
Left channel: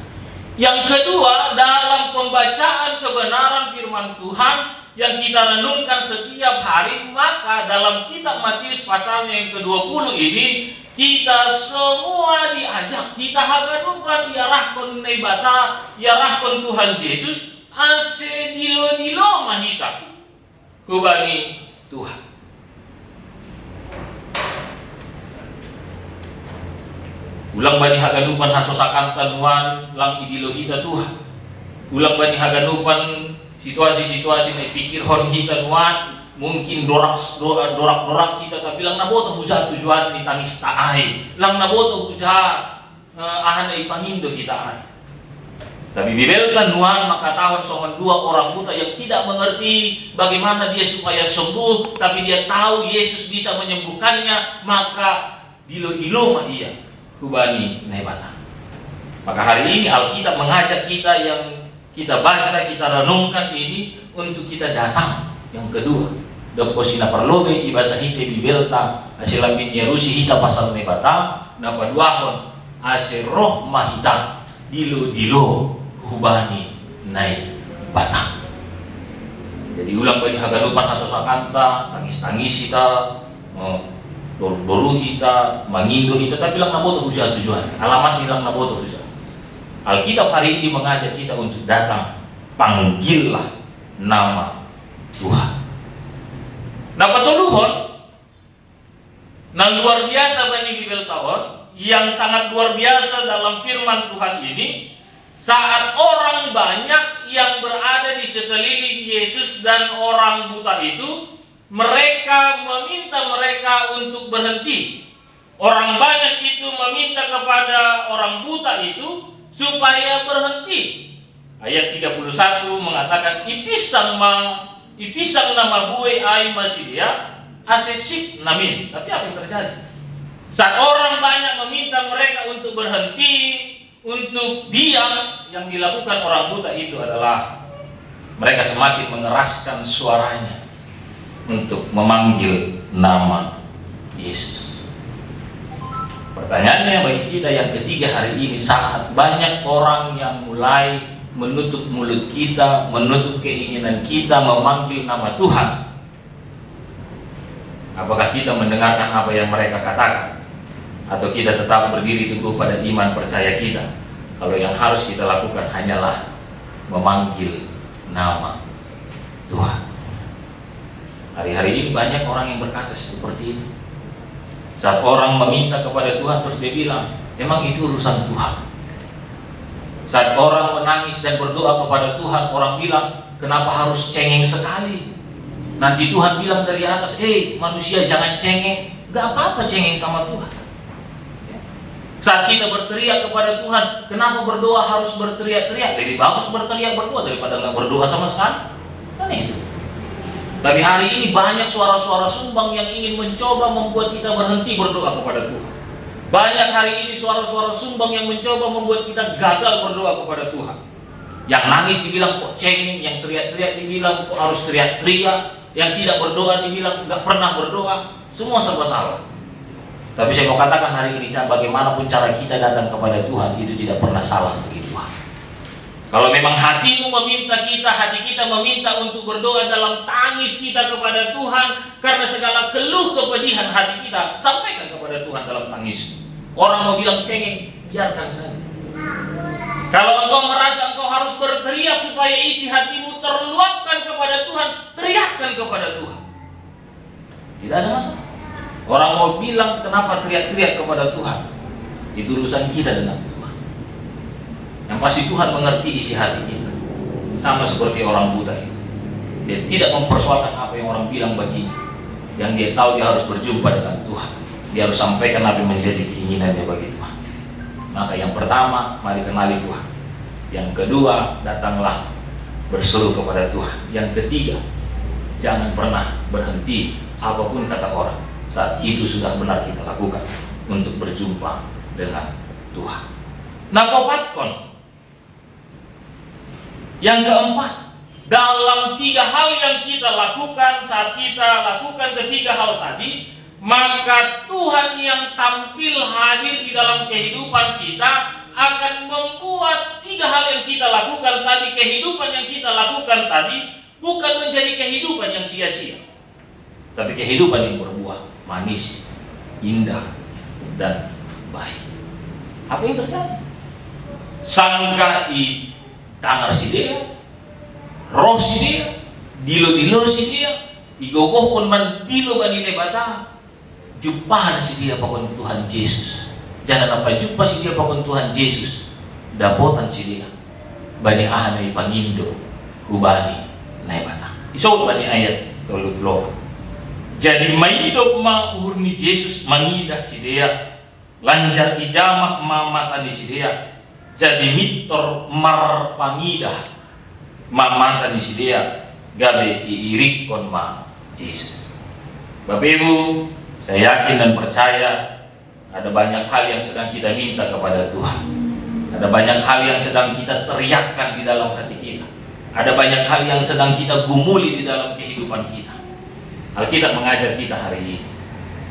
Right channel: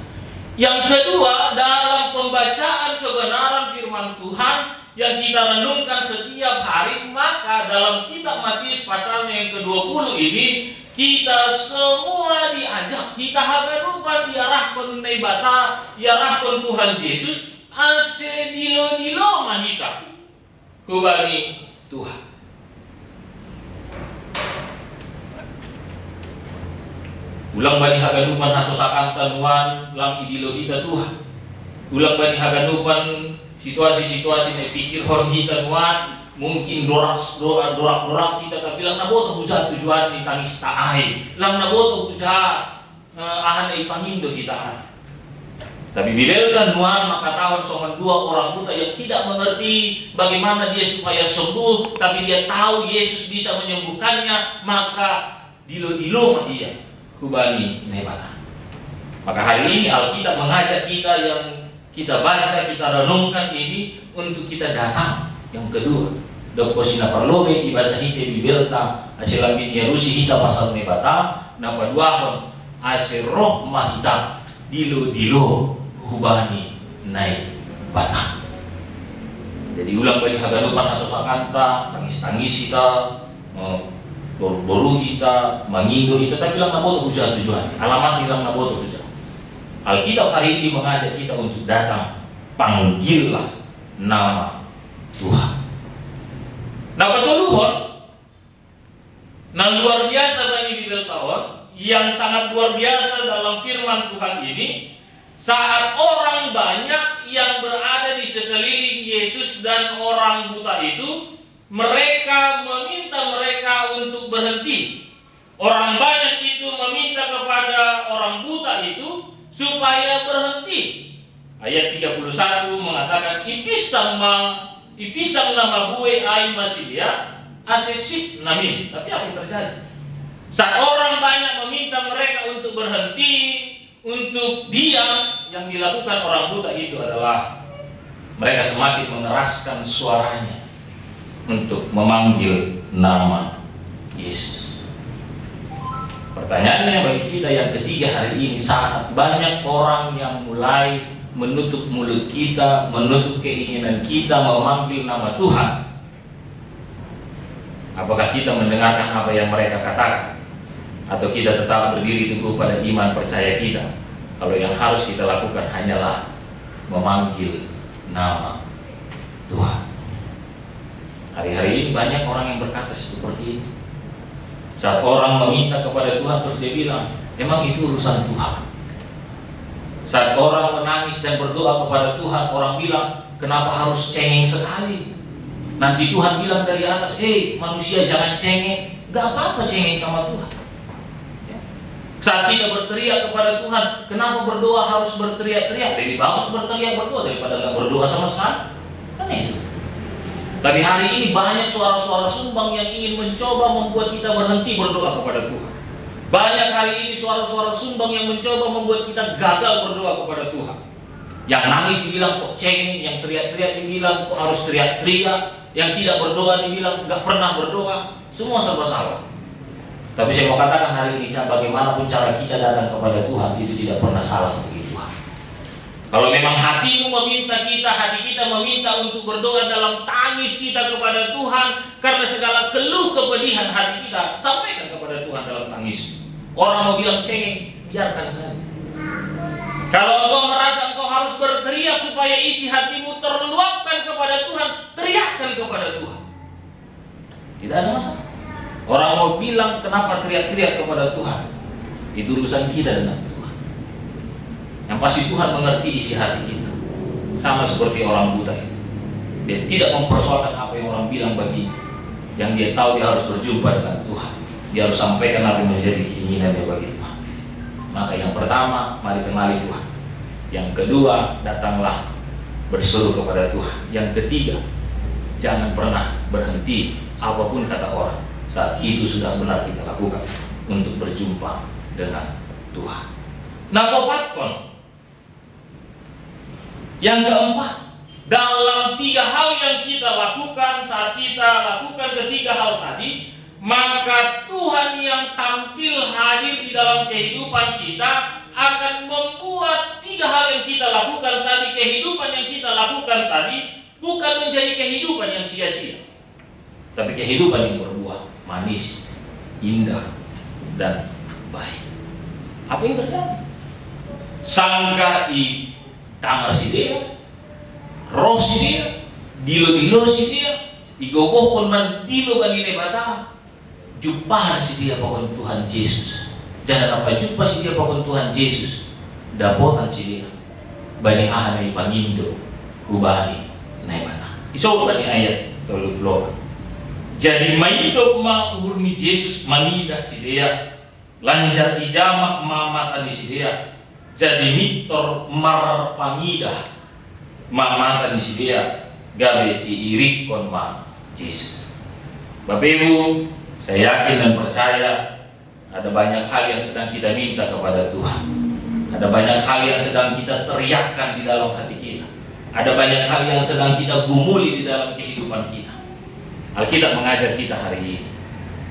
Yang kedua, dalam pembacaan kebenaran firman Tuhan yang kita renungkan setiap hari, maka dalam kitab Matius pasalnya yang ke-20 ini kita semua diajak, kita haganupan diarahkan nebata, diarahkan Tuhan Yesus ase dilo-dilo mahika kubani Tuhan. Ulang bani haganupan hasosakan tanuan lang idilo kita Tuhan. Ulang bani haganupan situasi-situasi nih pikir hon kita nuan mungkin dorak kita tapi lang naboto huja tujuan ni tangis taai lang naboto huja ahana ipangindo kita ai. Tapi bibelkan nuan maka tahun soman dua orang buta yang tidak mengerti bagaimana dia supaya sembuh, tapi dia tahu Yesus bisa menyembuhkannya, maka dilo-dilo mah dia kubani nebata. Maka hari ini Alkitab mengajak kita yang kita baca, kita renungkan ini untuk kita datang. Yang kedua, Doko sina parlobe di bahasa hite di belta aselam bin Yerusi hita pasal nebata napa duahon ase roh mahita dilo-dilo hubani naik batang. Jadi ulang bani haganupan asosakanta tangis-tangis kita boru kita mangindo kita tapi lang naboto hujan tujuan alamat bilang naboto hujan. Alkitab hari ini mengajak kita untuk datang, panggillah nama Tuhan. Nah petuluhon, nah luar biasa bani bibel tahun, yang sangat luar biasa dalam firman Tuhan ini, saat orang banyak yang berada di sekeliling Yesus dan orang buta itu, mereka meminta mereka untuk berhenti. Orang banyak itu meminta kepada orang buta itu supaya berhenti. Ayat 31 mengatakan ipisang nama bue ai masia asesik namin. Tapi apa yang terjadi? Saat orang banyak meminta mereka untuk berhenti, untuk diam, yang dilakukan orang buta itu adalah mereka semakin mengeraskan suaranya untuk memanggil nama Yesus. Pertanyaannya bagi kita yang ketiga hari ini, saat banyak orang yang mulai menutup mulut kita, menutup keinginan kita memanggil nama Tuhan, apakah kita mendengarkan apa yang mereka katakan? Atau kita tetap berdiri teguh pada iman percaya kita, kalau yang harus kita lakukan hanyalah memanggil nama Tuhan? Hari-hari ini banyak orang yang berkata seperti itu. Saat orang meminta kepada Tuhan terus dia bilang, emang itu urusan Tuhan. Saat orang menangis dan berdoa kepada Tuhan, orang bilang, kenapa harus cengeng sekali? Nanti Tuhan bilang dari atas, manusia jangan cengeng. Gak apa-apa cengeng sama Tuhan. Saat kita berteriak kepada Tuhan, kenapa berdoa harus berteriak-teriak? Lebih bagus berteriak berdoa daripada nggak berdoa sama sekali. Kan itu. Tapi hari ini banyak suara-suara sumbang yang ingin mencoba membuat kita berhenti berdoa kepada Tuhan. Banyak hari ini suara-suara sumbang yang mencoba membuat kita gagal berdoa kepada Tuhan. Yang nangis dibilang kok cengeng, yang teriak-teriak dibilang kok harus teriak-teriak, yang tidak berdoa dibilang nggak pernah berdoa. Semua serba salah. Tapi saya mau katakan hari ini, bagaimanapun cara kita datang kepada Tuhan, itu tidak pernah salah bagi Tuhan. Kalau memang hatimu meminta kita, hati kita meminta untuk berdoa dalam tangis kita kepada Tuhan, karena segala keluh kepedihan hati kita, sampaikan kepada Tuhan dalam tangis. Orang mau bilang cengeng, biarkan saja. Kalau engkau merasa engkau harus berteriak supaya isi hatimu terluapkan kepada Tuhan, teriakkan kepada Tuhan. Tidak ada masalah. Orang mau bilang kenapa teriak-teriak kepada Tuhan, itu urusan kita dengan Tuhan. Yang pasti Tuhan mengerti isi hati kita. Sama seperti orang buta itu, dia tidak mempersoalkan apa yang orang bilang baginya. Yang dia tahu dia harus berjumpa dengan Tuhan. Dia harus sampaikan apa yang menjadi keinginannya bagi Tuhan. Maka yang pertama, mari kenali Tuhan. Yang kedua, datanglah berseru kepada Tuhan. Yang ketiga, jangan pernah berhenti apapun kata orang. Saat itu sudah benar kita lakukan untuk berjumpa dengan Tuhan. Nakopatkon. Yang keempat, dalam 3 hal yang kita lakukan, saat kita lakukan ketiga hal tadi, maka Tuhan yang tampil hadir di dalam kehidupan kita akan membuat 3 hal yang kita lakukan tadi, kehidupan yang kita lakukan tadi, bukan menjadi kehidupan yang sia-sia, tapi kehidupan yang berbuah manis, indah, dan baik. Apa yang terjadi? Sangka i tangar si dia, roh si dia, dilo-dilo si dia, igogoh pun man dilo banile bata, jumpahan si dia pakon Tuhan Yesus. Jangan apa jumpa si dia pakon Tuhan Yesus, dapotan si dia, bani ahana ipangindo, kubani naik bata. Isau bani ayat 30. Jadi maidop ma urni Yesus manida si dia, lanjar ijamah mamata di si dia, jadi mitor marpangida mamata di si dia, gabe iirik kon ma Yesus. Bapak Ibu, saya yakin dan percaya ada banyak hal yang sedang kita minta kepada Tuhan. Ada banyak hal yang sedang kita teriakkan di dalam hati kita. Ada banyak hal yang sedang kita gumuli di dalam kehidupan kita. Alkitab mengajar kita hari ini.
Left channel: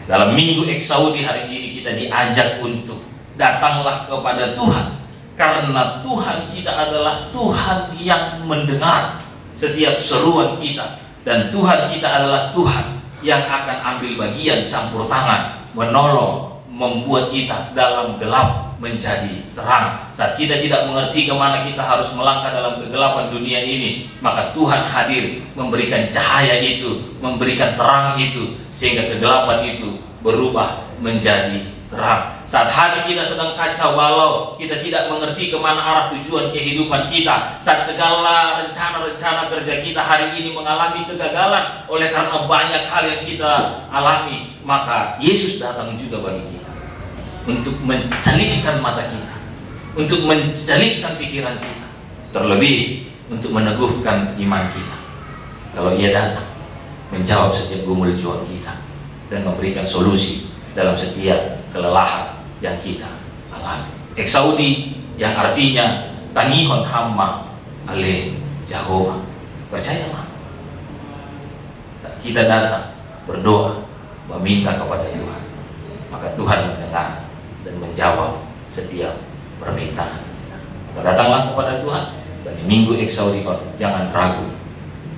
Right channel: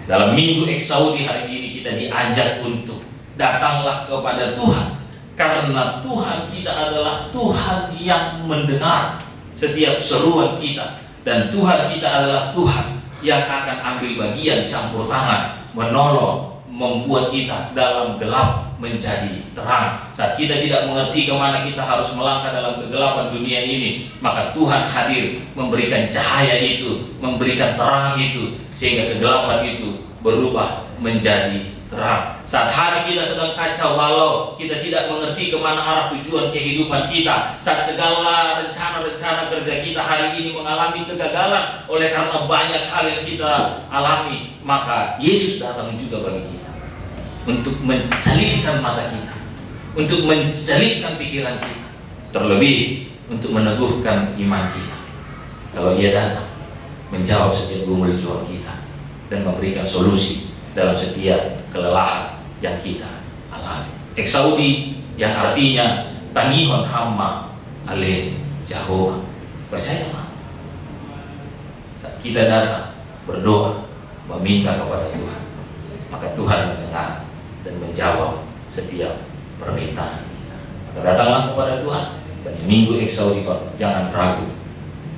Dalam Minggu Eksaudi hari ini kita diajak untuk datanglah kepada Tuhan. Karena Tuhan kita adalah Tuhan yang mendengar setiap seruan kita. Dan Tuhan kita adalah Tuhan yang akan ambil bagian campur tangan, menolong, membuat kita dalam gelap menjadi terang. Saat kita tidak mengerti kemana kita harus melangkah dalam kegelapan dunia ini, maka Tuhan hadir memberikan cahaya itu, memberikan terang itu, sehingga kegelapan itu berubah menjadi terang. Saat hati kita sedang kacau balau, kita tidak mengerti kemana arah tujuan kehidupan kita, saat segala rencana-rencana kerja kita hari ini mengalami kegagalan oleh karena banyak hal yang kita alami, maka Yesus datang juga bagi kita untuk mencelitkan mata kita, untuk mencelitkan pikiran kita, terlebih untuk meneguhkan iman kita. Kalau Ia datang menjawab setiap gumul juang kita dan memberikan solusi dalam setiap kelelahan yang kita alami. Eksaudi yang artinya tanihon hamma ale Jehovah. Percayalah, saat kita datang berdoa, meminta kepada Tuhan, maka Tuhan mendengar dan menjawab setiap permintaan kita. Maka datanglah kepada Tuhan. Dan di minggu Eksaudi, jangan ragu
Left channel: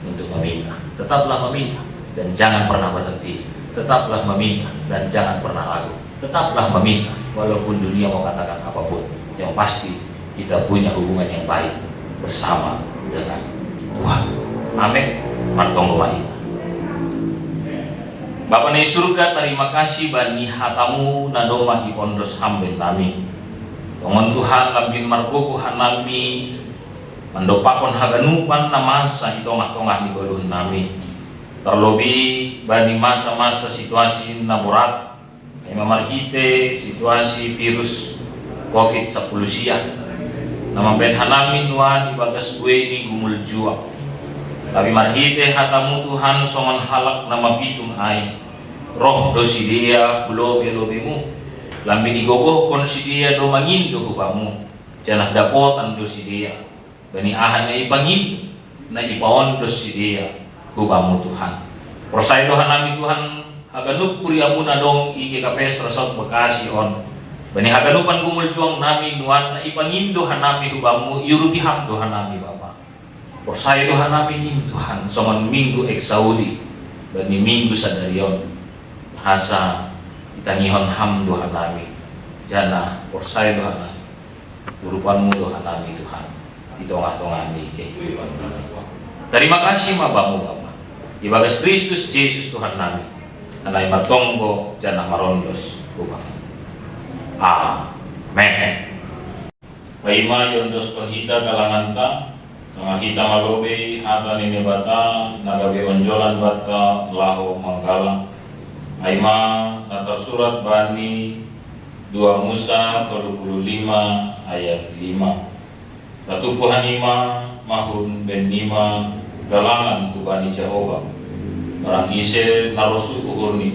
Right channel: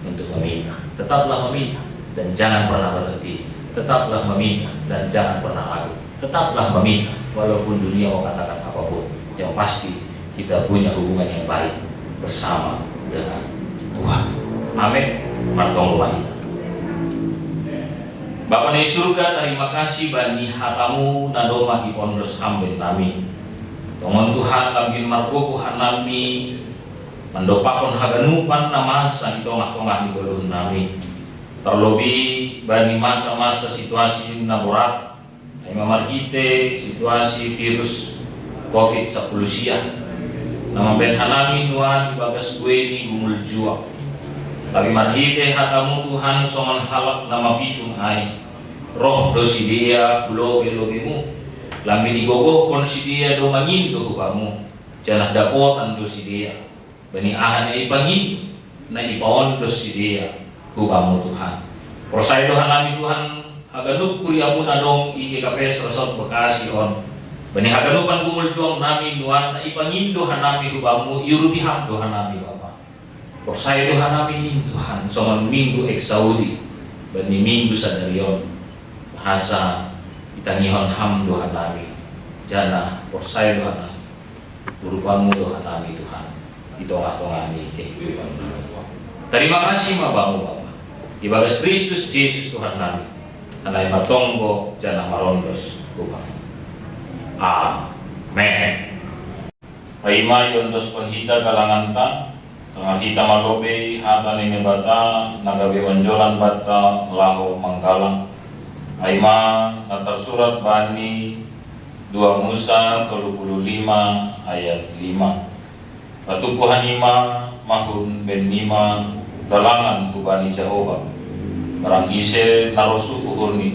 untuk meminta. Tetaplah meminta dan jangan pernah berhenti. Tetaplah meminta dan jangan pernah ragu. Tetaplah meminta walaupun dunia mau katakan apapun. Yang pasti kita punya hubungan yang baik bersama dengan Tuhan. Amin. Martong lain. Bapa di surga, terima kasih bani hatamu nadoma di pondos hambin nami. Tongon Tuhan lambin margoku hanami mandopakon haganupan na masa di tongah-tongah di golun nami. Terlebih bani masa-masa situasi na berat, ay mamarhite situasi virus COVID-19 siya. Na mabenhan namin nuan ibagas gue ni gumul juang. Tapi marhite hatamu Tuhan songan halak na mabitum ay roh do si dia bulobe-lobemu. Lambi igogoh kon si dia do mangindo hubamu. Janah dapotan do si dia. Bani ahan na ipangindo na ipaon do si dia hubamu Tuhan. Prosay dohan namin Tuhan haganup kuriamu na dong ikikapes resort Bekasi on. Bani haganupan gumul juang namin nuan na ipangindo hanami hubamu yurubiham dohan namin Bapa. Prosay dohan namin Tuhan songan minggu Eksaudi. Bani minggu sadarion bahasa itanihon ham dohan namin. Jana prosay dohan namin. Urupanmu dohan namin Tuhan. Di tongah-tongah ni kehidupan namin. Terima kasih mabamu Bapa. Ibagas Kristus Yesus Tuhan namin. Anay matonggo jana marondos kubang. Amen. Paima yondos penghita kalangan ta, tengah kita malobe hata nini bata, nagabe onjolan bata lahu manggalang. Paima natar surat bani 2 Musa 25 ayat 5. Patupuhan ima mahun ben nima galangan kubani Jehovah. Barang ise narosu uhurni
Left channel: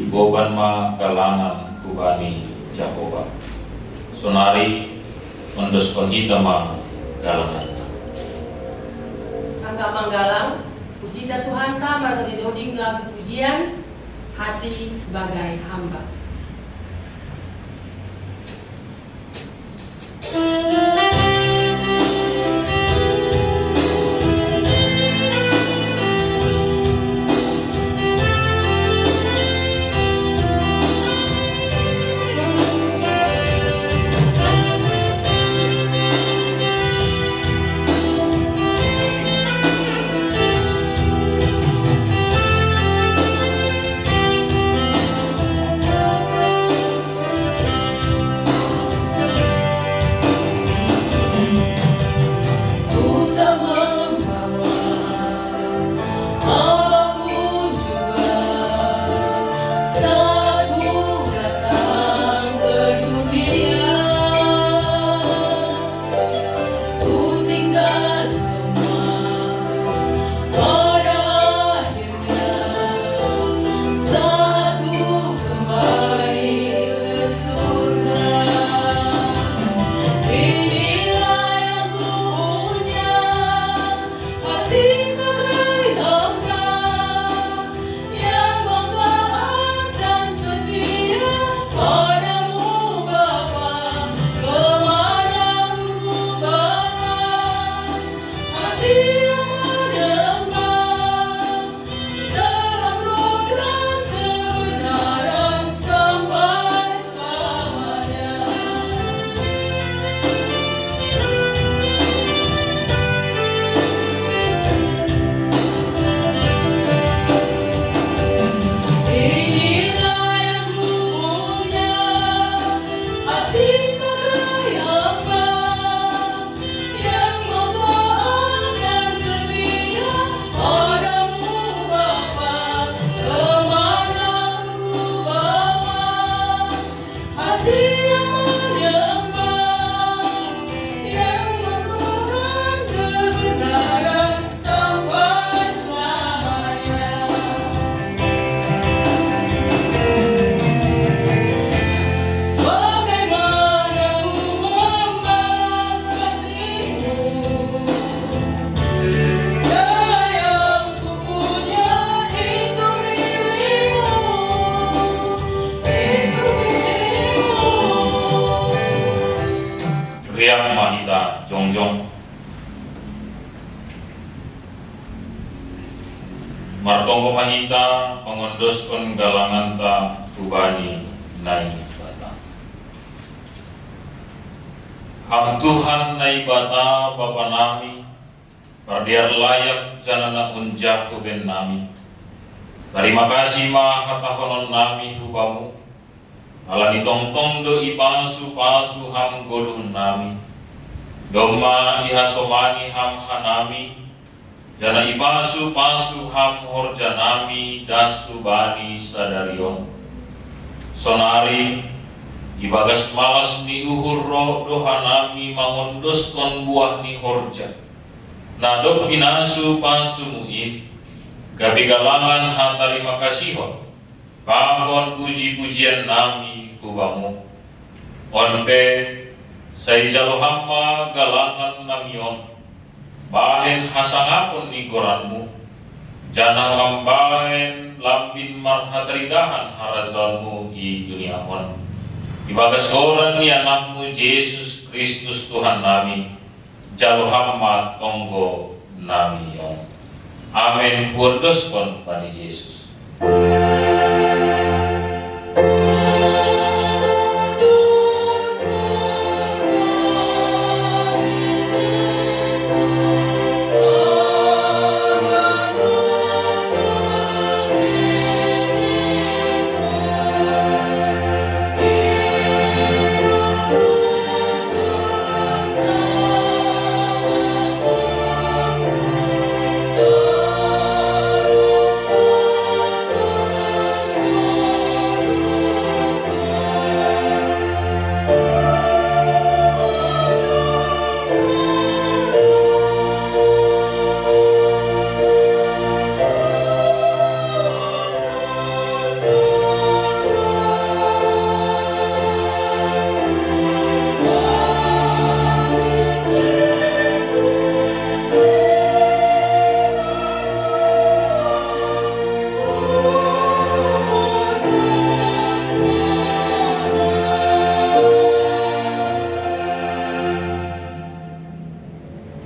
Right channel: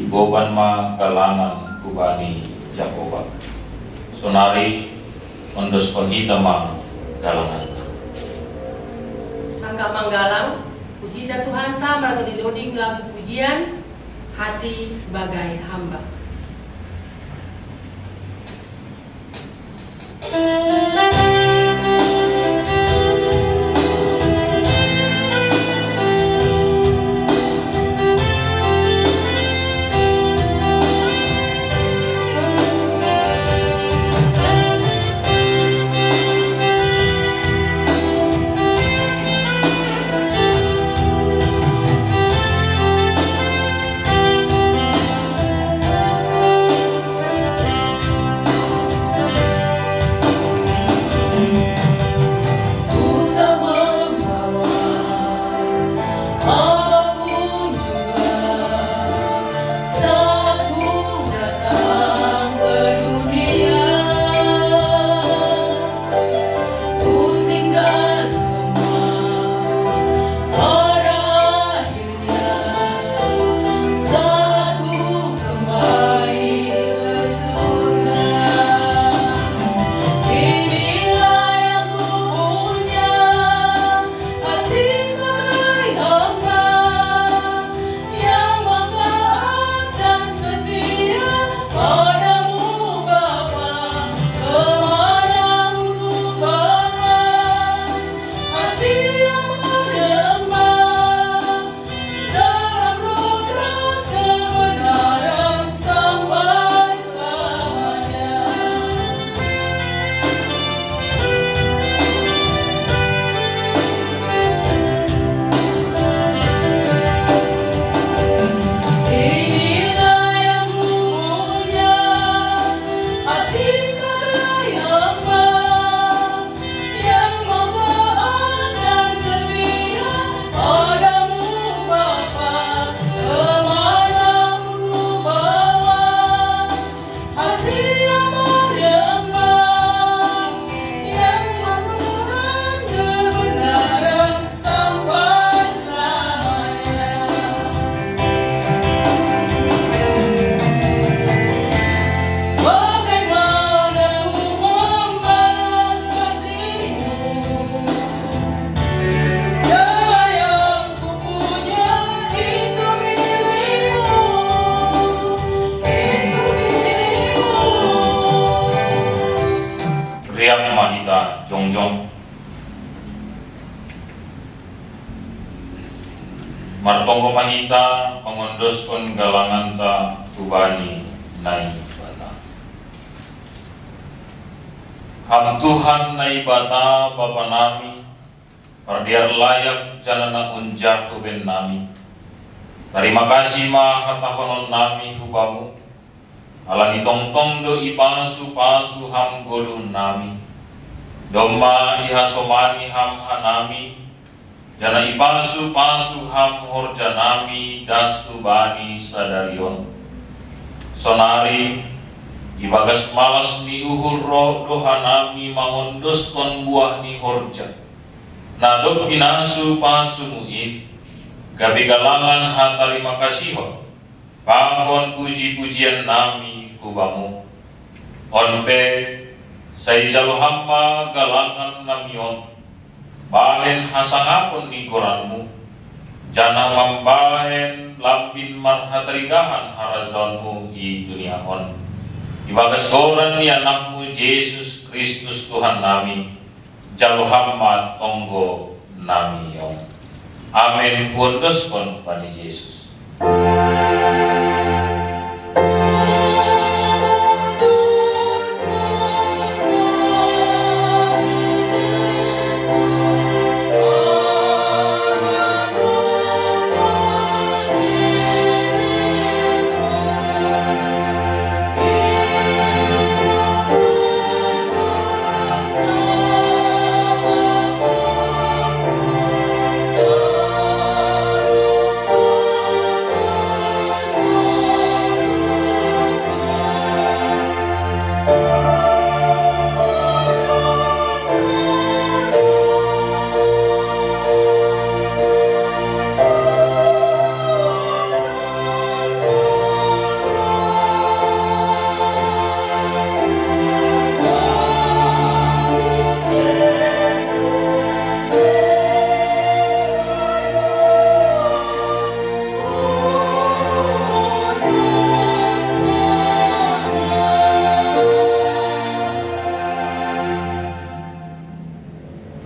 iboban ma galangan kubani Jehovah. Sonari ondos konhita ma galangan. Sangga manggalang, puji Tuhan ta marga didoding lagu pujian hati sebagai hamba. martonggo mahita mangondoskon galangan ta tubani nai bata. Ham Tuhan nai bata Bapa nami, pardiar layak janana unjah tuben nami. Terima kasih ma hatahonon nami hubamu, alani tongtong do ipansu pasu ham golun nami. Doma ihasomani ham hanami, jana ipasu pasu ham horjanami dasu bani sadarion. Sonari ibagas malas ni uhur roh dohanami mangondos kon buah ni horja. Nadok binasu pasu muid, gabi galangan hatarima kasihon, pangkon puji-pujian nami hubamu. Onpe saijalo hamma galangan namion, bahen hasangapon ni goranmu, jana mambahen lambin marhataridahan harazonmu i duniaon. Ibagas goran ni anakmu Yesus Kristus Tuhan nami, jalo hamma tonggo namion. Amin. Kundos pun pani Yesus.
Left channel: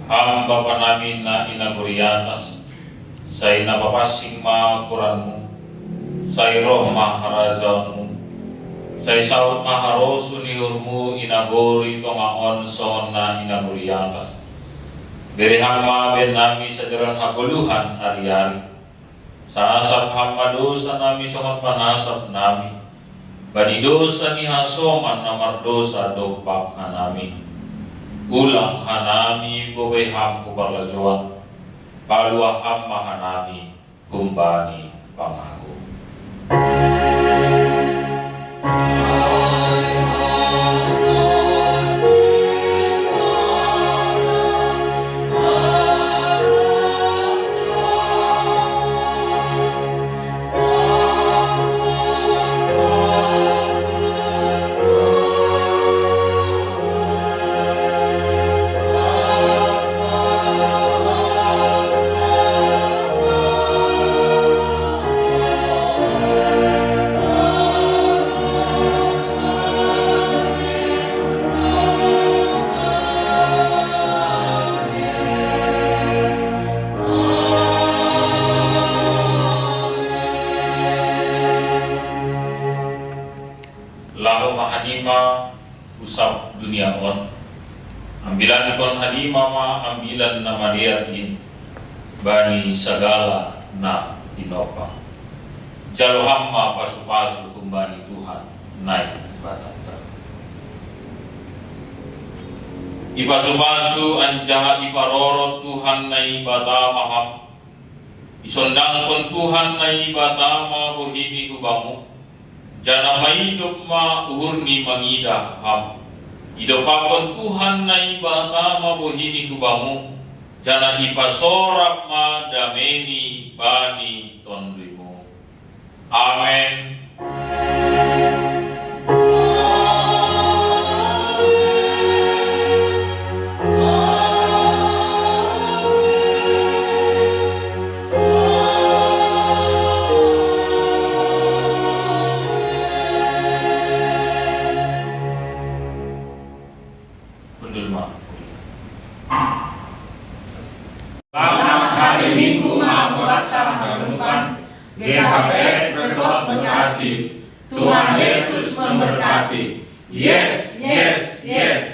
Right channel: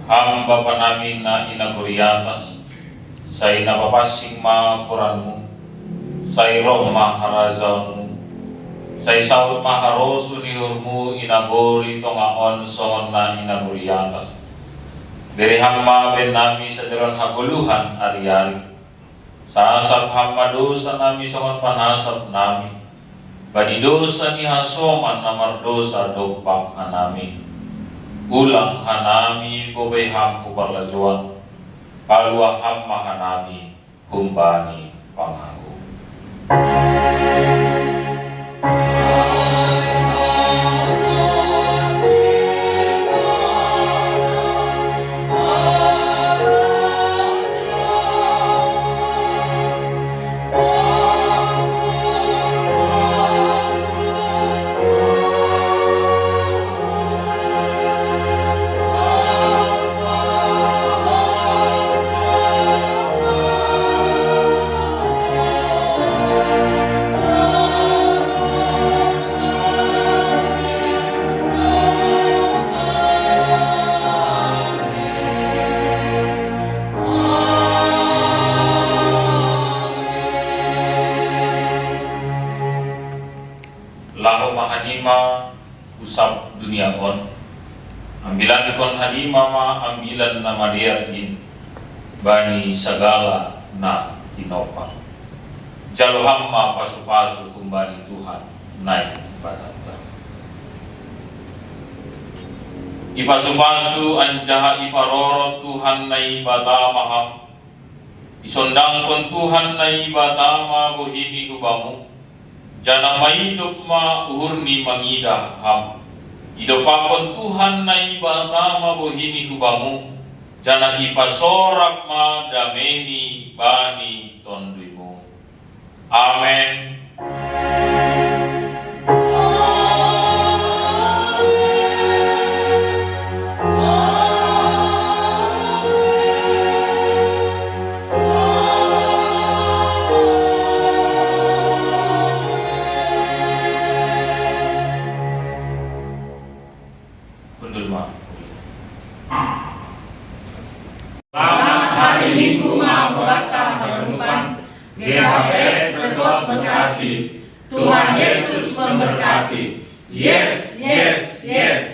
Ham Bapa namin na inaguriatas, say napapasing makuranmu, say roh maharazanmu, say saut maharosu niurmu inaguri tongaon songon na inaguriatas. Berihang maben nami sa jalan hakuluhan ari-ari, sa asap hamadosa nami songon panasap nami, banidosa ni hasoman na mardosa dopak hanami. Ulang hanami bobay ham kubarlajuan, kalua ham mahanami kumbani pangaku. Halima usap dunia on, ambilan kon halima ma ambilan nama dia in bani segala na tinopa jalo hamma pasu-pasu kembali Tuhan naik batata ipasu-pasu anjaha iparorot Tuhan naik batamaham isondang kon Tuhan naik batama bohimi kubamu jana mahidup ma urni mangidah ham idopapon Tuhan na ibata mabuhini kubamu jana ipasorak ma dameni bani tondrimu. Amen. Selamat hari Minggu ma bata harunupan GKPS Resort Bekasi. Tuhan Yesus memberkati. Yes, yes, yes.